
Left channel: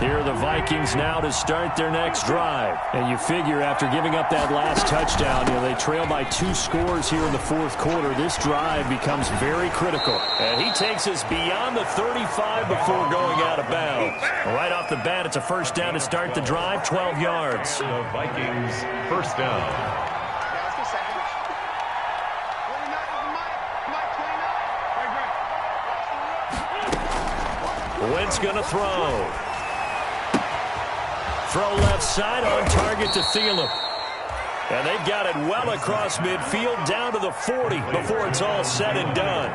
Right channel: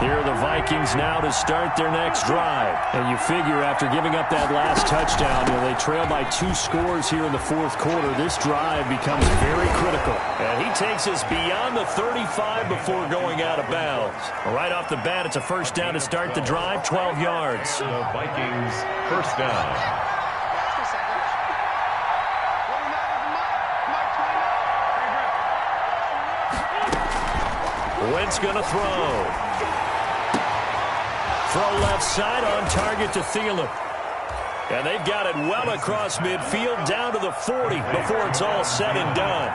Here are the Vikings now to start their next drive. And you figure after giving up that last touchdown, they trail by 2 scores here in the fourth quarter. This drive becomes very critical. And he takes us beyond the 35 before going out of bounds. Right off the bat, it's a first down to start the drive, 12 yards. The Vikings first down. Wentz going to throw. Throw left side on target to Thielen. And they've got it well across midfield down to the 40 before it's all said and done.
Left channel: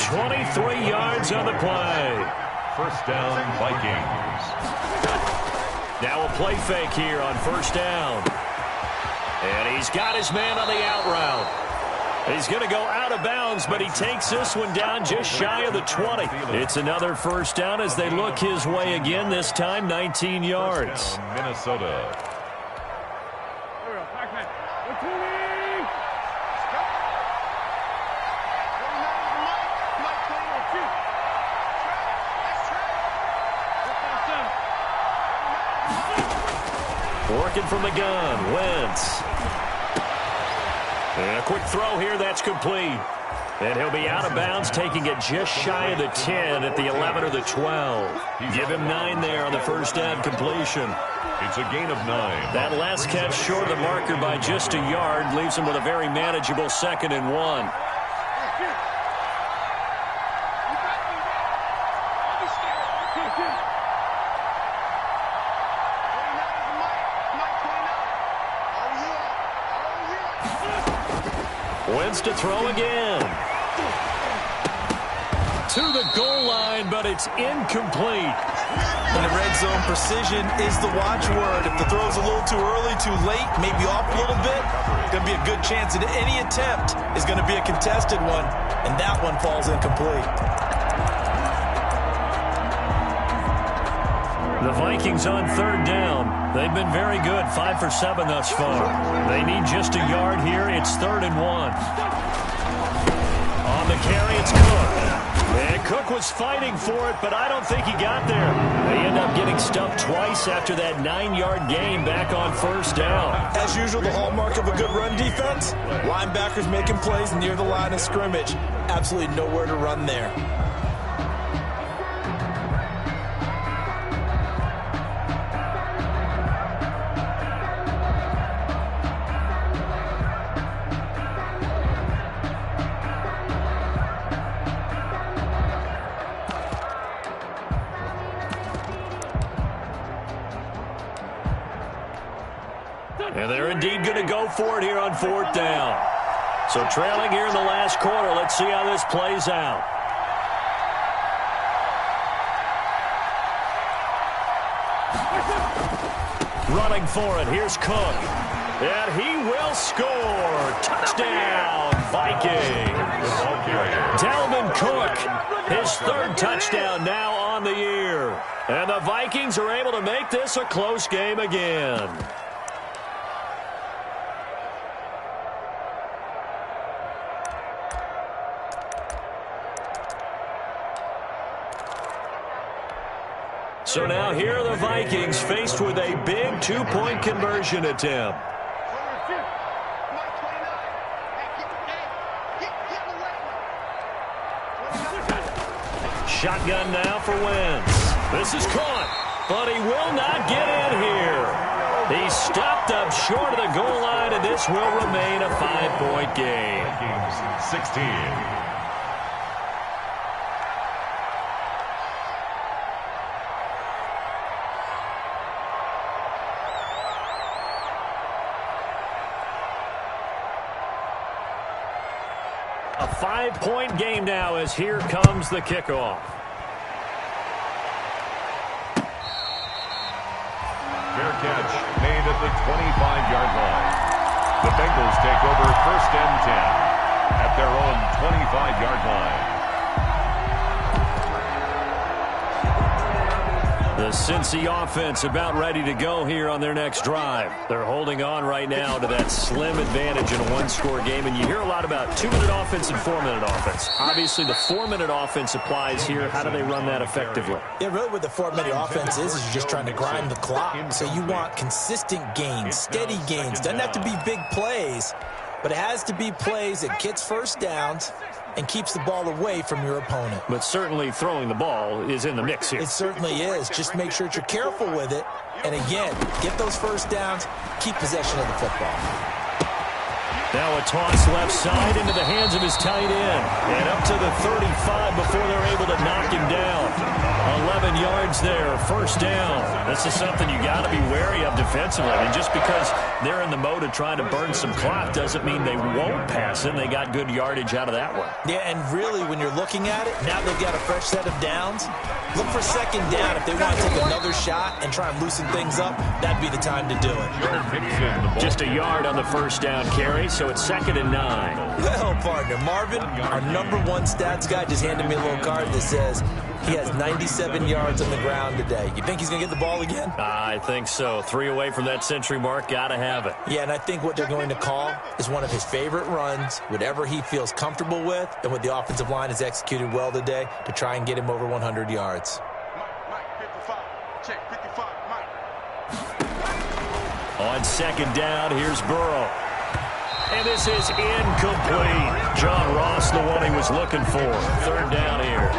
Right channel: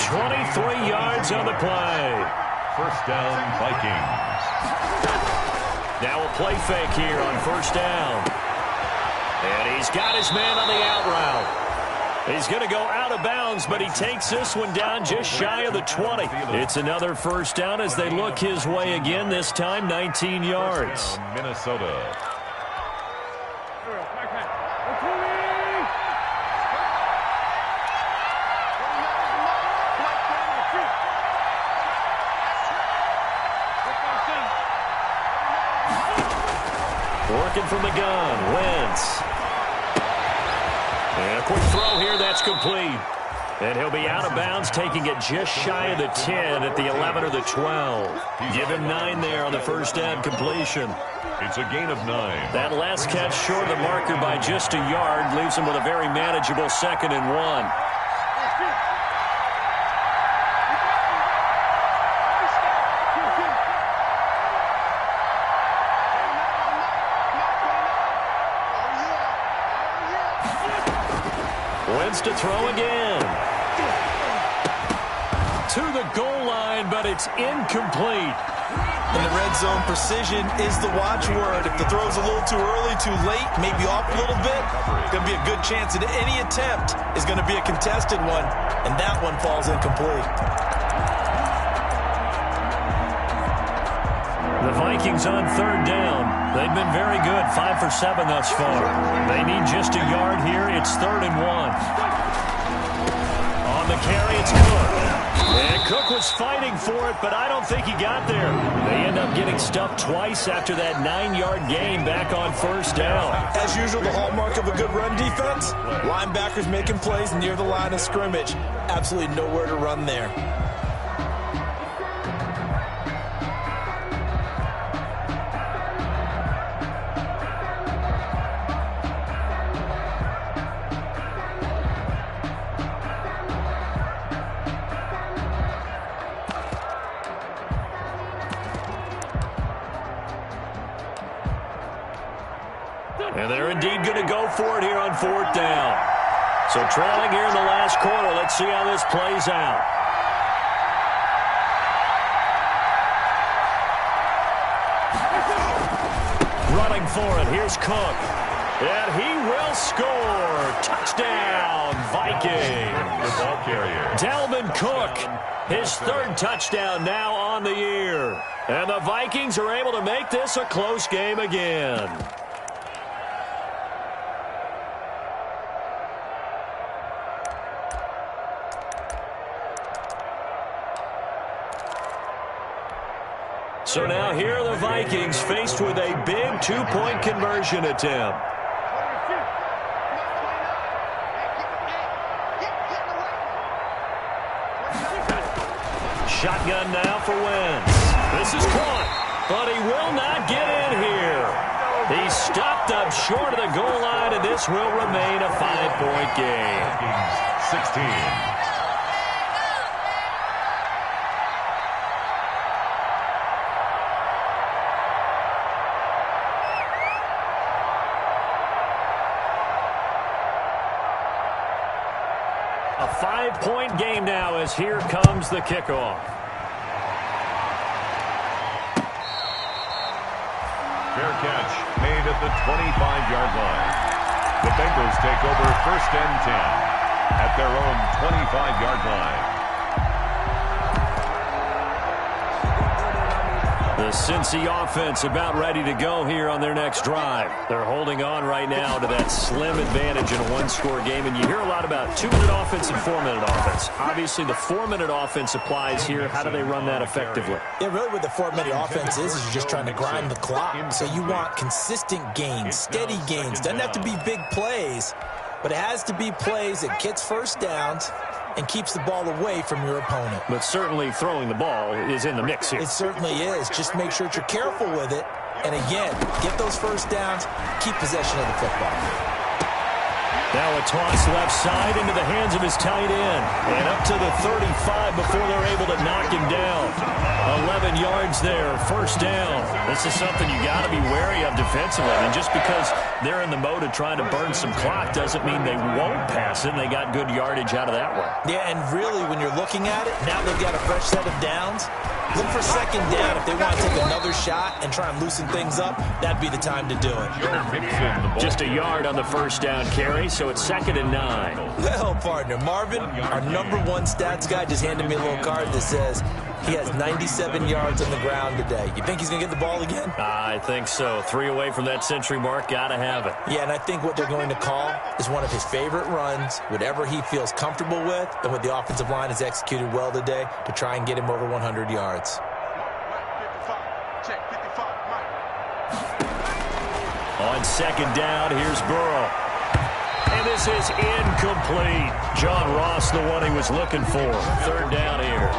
23 yards on the play. First down, Vikings. Now a play fake here on first down. And he's got his man on the out route. He's going to go out of bounds, but he takes this one down just shy of the 20. It's another first down as they look his way again, this time 19 yards. Down, Minnesota. Working from the gun, Wentz. And a quick throw here, that's complete. And he'll be out of bounds, taking it just shy of the 10 at the 11 or the 12. Give him 9 there on the first down completion. It's a gain of 9. That last catch short of the marker by just a yard leaves him with a very manageable 2nd and 1. Wentz to throw again. To the goal line, but it's incomplete. In the red zone, precision is the watchword. If the throw's a little too early, too late, maybe off a little bit, it's going to be a good chance that any attempt is going to be a contested one, and that one falls incomplete. The Vikings on third down. They've been very good, 5 for 7 thus far. They need just a yard here. It's 3rd and 1. On the carry, it's Cook. And Cook was fighting for it, but I don't think he got there. They end up getting stuffed twice after that 9-yard gain back on first down. As usual, the hallmark of a good run defense, linebackers making plays near the line of scrimmage. Absolutely nowhere to run there. And they're indeed going to go for it here on 4th down. So trailing here in the last quarter. Let's see how this plays out. Running for it. Here's Cook. And he will score. Touchdown, Viking. The ball carrier. Dalvin Cook, his 3rd touchdown now on the year. And the Vikings are able to make this a close game again. So now here are the Vikings faced with a big 2-point conversion attempt. Shotgun now for Wentz. This is caught, but he will not get in here. He stopped up short of the goal line, and this will remain a 5-point game. Vikings 16. A 5-point game now as here comes the kickoff. Fair catch made at the 25-yard line. The Bengals take over 1st and 10 at their own 25-yard line. The Cincy offense about ready to go here on their next drive. They're holding on right now to that slim advantage in a one-score game, and you hear a lot about 2-minute offense and 4-minute offense. Obviously, the 4-minute offense applies here. How do they run that effectively? Yeah, really what the 4-minute offense is you're just trying to grind the clock. So you want consistent gains, steady gains. Doesn't have to be big plays, but it has to be plays that gets first downs and keeps the ball away from your opponent. But certainly throwing the ball is in the mix here. It certainly is. Just make sure that you're careful with it. And again, get those first downs, keep possession of the football. Now a toss left side into the hands of his tight end. And up to the 35 before they're able to knock him down. 11 yards there, first down. This is something you got to be wary of defensively. I mean, just because they're in the mode of trying to burn some clock doesn't mean they won't pass it. And they got good yardage out of that one. Yeah, and really when you're looking at it, now they've got a fresh set of downs. Look for second down. If they want to take another shot and try and loosen things up, that'd be the time to do it. Just a yard on the first down carry, so it's 2nd and 9. Well, partner, Marvin, our #1 stats guy, just handed me a little card that says he has 97 yards on the ground today. You think he's going to get the ball again? I think so. 3 away from that century mark. Got to have it. Yeah, and I think what they're going to call is one of his favorite runs, whatever he feels comfortable with, and what the offensive line has executed well today to try and get him over 100 yards. Mike, 55. Check, 55, Mike. On 2nd down, here's Burrow. And this is incomplete. John Ross, the one he was looking for. 3rd down here.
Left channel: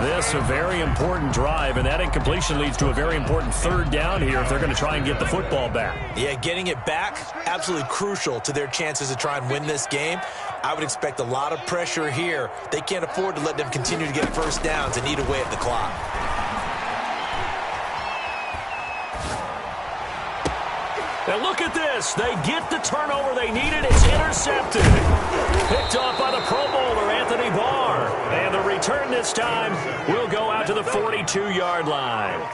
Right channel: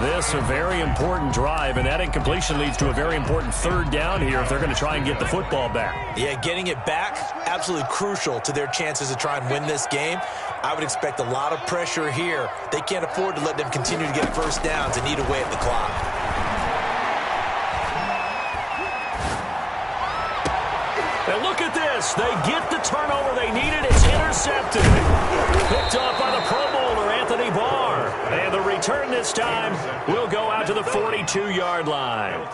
This a very important drive, and that incompletion leads to a very important 3rd down here if they're going to try and get the football back. Yeah, getting it back, absolutely crucial to their chances to try and win this game. I would expect a lot of pressure here. They can't afford to let them continue to get first downs and eat away at the clock. Now look at this. They get the turnover they needed. It's intercepted. Picked off by the Pro Bowler, Anthony Barr. And the return this time will go out to the 42-yard line.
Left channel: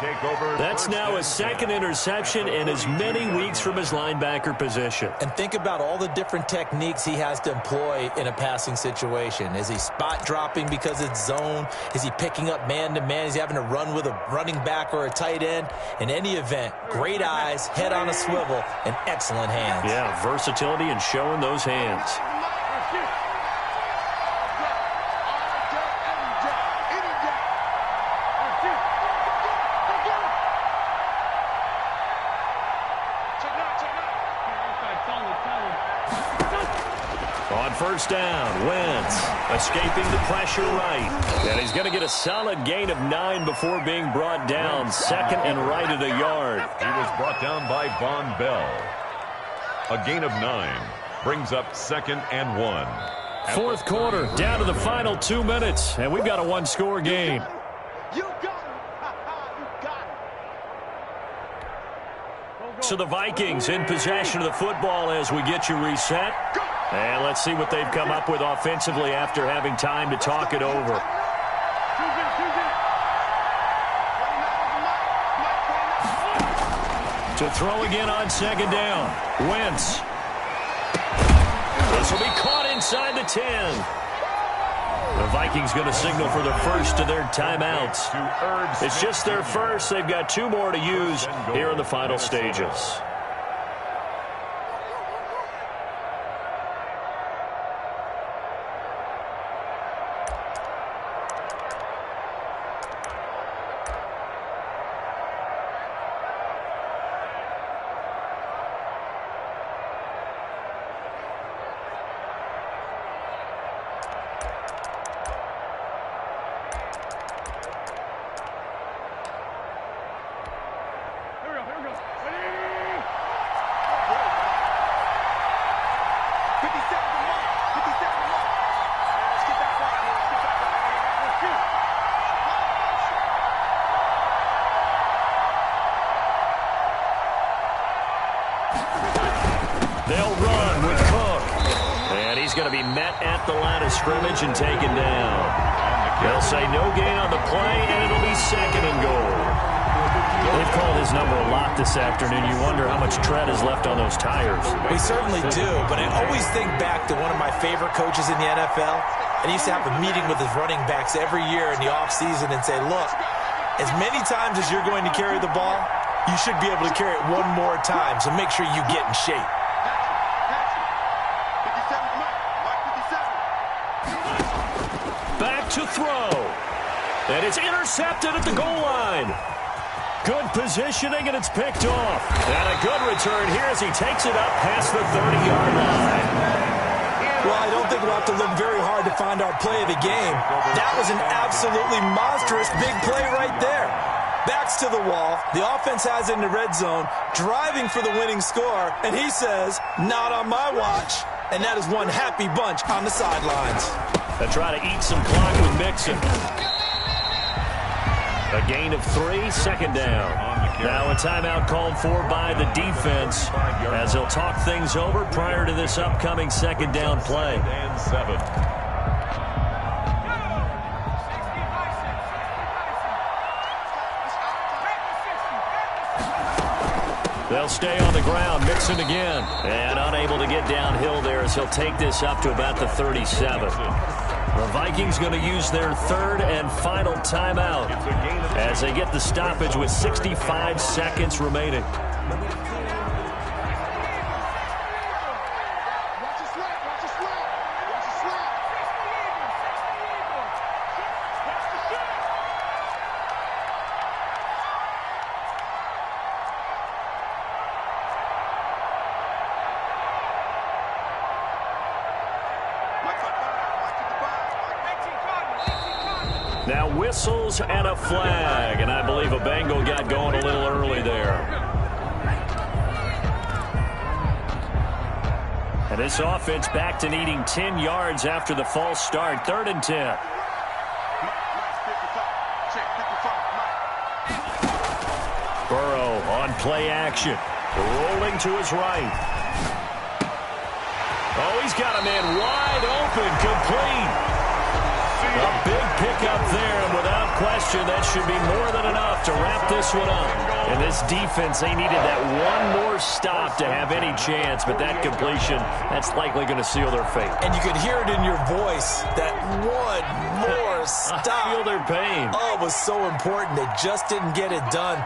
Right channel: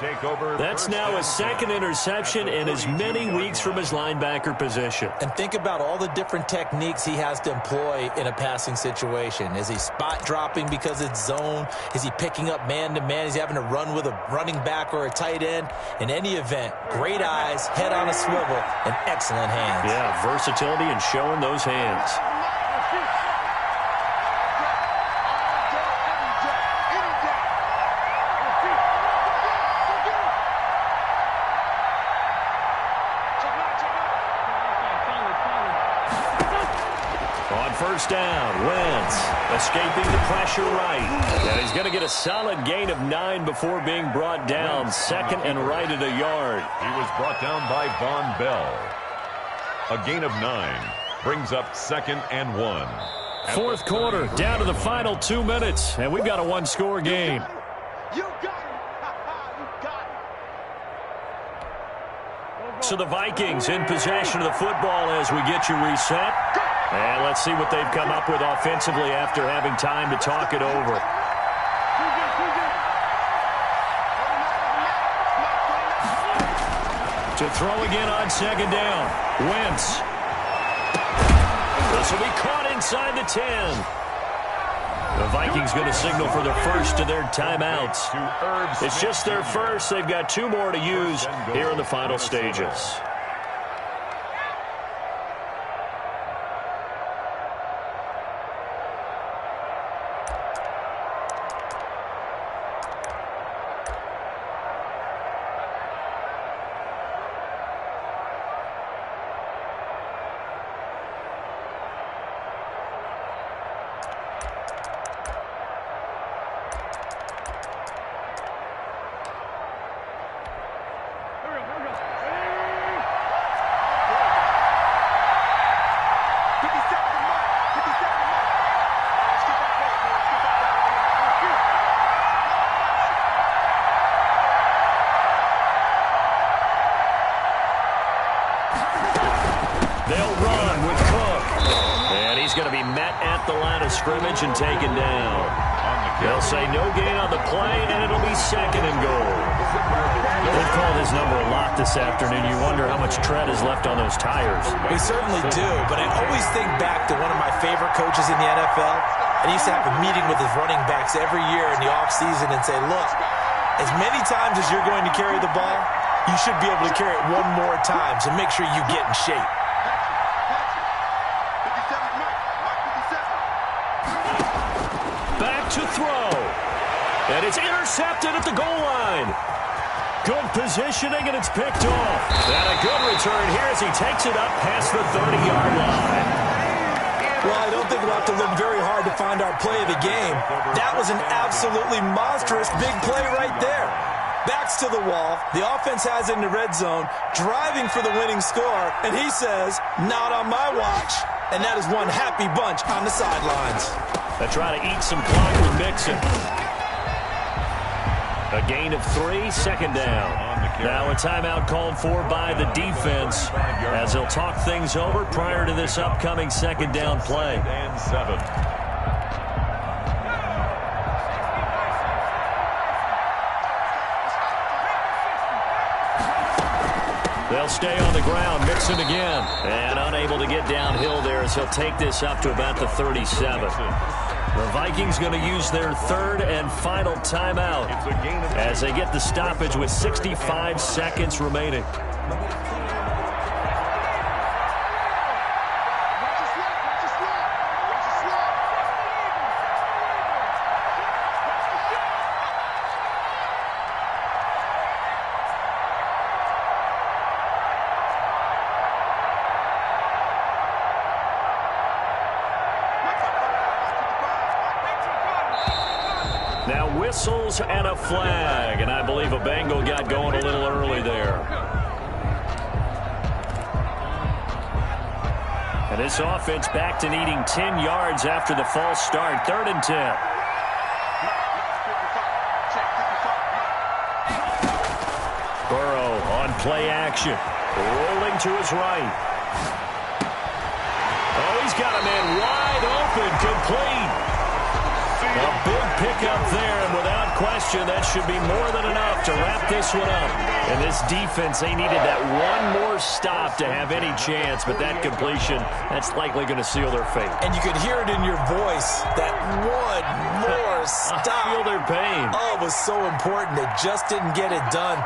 That's now his 2nd interception in as many weeks from his linebacker position. And think about all the different techniques he has to employ in a passing situation. Is he spot dropping because it's zone? Is he picking up man-to-man? Is he having to run with a running back or a tight end? In any event, great eyes, head on a swivel, and excellent hands. Yeah, versatility and showing those hands. On 1st down, Wentz escaping the pressure right. And he's going to get a solid gain of 9 before being brought down. 2nd and right at a yard. He was brought down by Von Bell. A gain of 9 brings up 2nd and 1. 4th quarter, down to the final 2 minutes, and we've got a one-score game. You got him. You got him. So the Vikings in possession of the football as we get you reset. And let's see what they've come up with offensively after having time to talk it over. To throw again on 2nd down. Wentz. This will be caught inside the 10. The Vikings going to signal for their first of their timeouts. It's just their first. They've got 2 more to use here in the final stages. They'll run with Cook. And he's going to be met at the line of scrimmage and taken down. They'll say no gain on the play, and it'll be 2nd and goal. They've called his number a lot this afternoon. You wonder how much tread is left on those tires. We certainly do, but I always think back to one of my favorite coaches in the NFL. And he used to have a meeting with his running backs every year in the offseason and say, look, As many times as you're going to carry the ball, you should be able to carry it one more time, so make sure you get in shape. Patch it. 57's Mike. Mike 57. Back to throw. And it's intercepted at the goal line. Good positioning, and it's picked off. And a good return here as he takes it up past the 30-yard line. Well, I don't think we'll have to look very hard to find our play of the game. That was an absolutely monstrous big play right there. Backs to the wall. The offense has it in the red zone, driving for the winning score, and he says, not on my watch. And that is one happy bunch on the sidelines. They try to eat some clock with Mixon. A gain of 3, second down. Now a timeout called for by the defense as they'll talk things over prior to this upcoming second down play. They'll stay on the ground. Mixon again. And unable to get downhill there as he'll take this up to about the 37. The Vikings going to use their third and final timeout as they get the stoppage with 65 seconds remaining. Now whistles and a flag, and I believe a Bengal got going a little early there. And this offense back to needing 10 yards after the false start. 3rd and 10. Burrow on play action. Rolling to his right. Oh, he's got a man wide open, complete. A big pickup there, and without question, that should be more than enough to wrap this one up. And this defense, they needed that one more stop to have any chance, but that completion, that's likely going to seal their fate. And you could hear it in your voice, that one more stop. I feel their pain. Oh, it was so important. They just didn't get it done.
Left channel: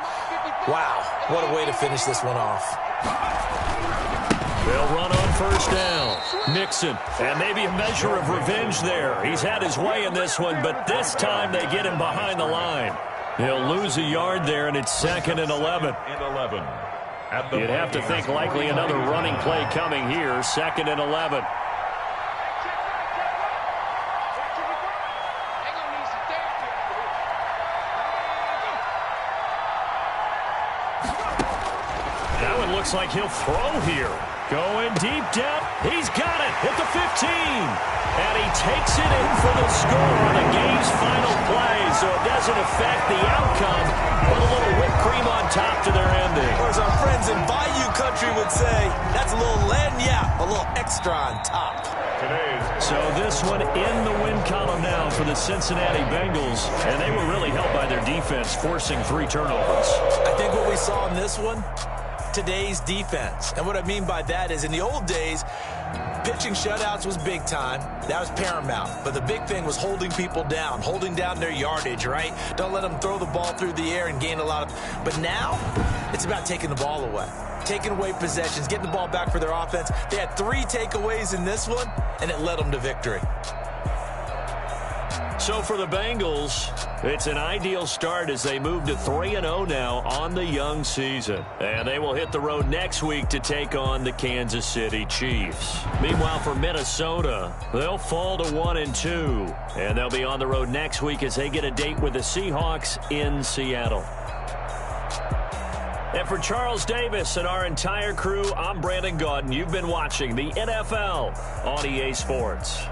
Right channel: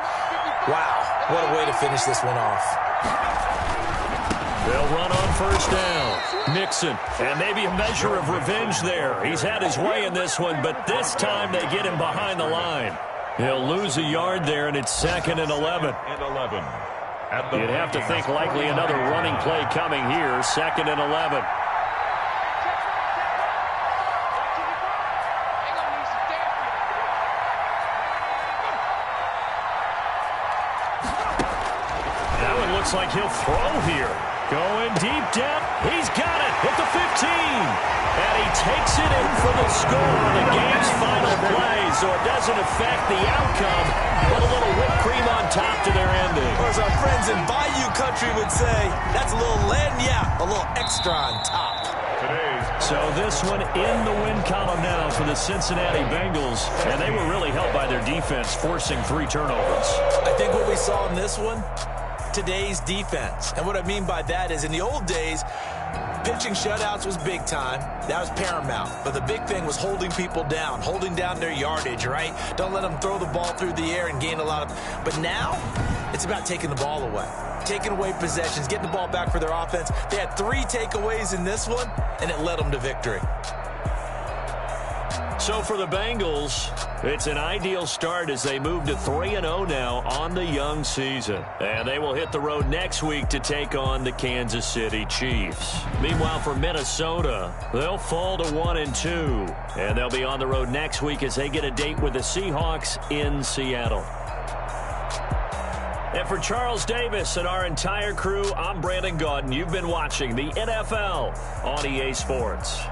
Wow, what a way to finish this one off. They'll run on first down. Mixon, and maybe a measure of revenge there. He's had his way in this one, but this time they get him behind the line. He'll lose a yard there, and it's 2nd and 11. You'd have to think likely another running play coming here. 2nd and 11. That one looks like he'll throw here. Going deep down. He's got it at the 15. And he takes it in for the score on the game's final play. So it doesn't affect the outcome, but a little whipped cream on top to their ending. Or as our friends in Bayou Country would say, that's a little lagniappe, a little extra on top. So this one in the win column now for the Cincinnati Bengals. And they were really helped by their defense, forcing 3 turnovers. I think what we saw in this one, today's defense. And what I mean by that is in the old days, pitching shutouts was big time. That was paramount. But the big thing was holding people down, holding down their yardage, right? Don't let them throw the ball through the air and gain a lot of... But now, it's about taking the ball away. Taking away possessions, getting the ball back for their offense. They had 3 takeaways in this one, and it led them to victory. So for the Bengals, it's an ideal start as they move to 3-0 now on the young season. And they will hit the road next week to take on the Kansas City Chiefs. Meanwhile, for Minnesota, they'll fall to 1-2. And they'll be on the road next week as they get a date with the Seahawks in Seattle. And for Charles Davis and our entire crew, I'm Brandon Gaudin. You've been watching the NFL on EA Sports.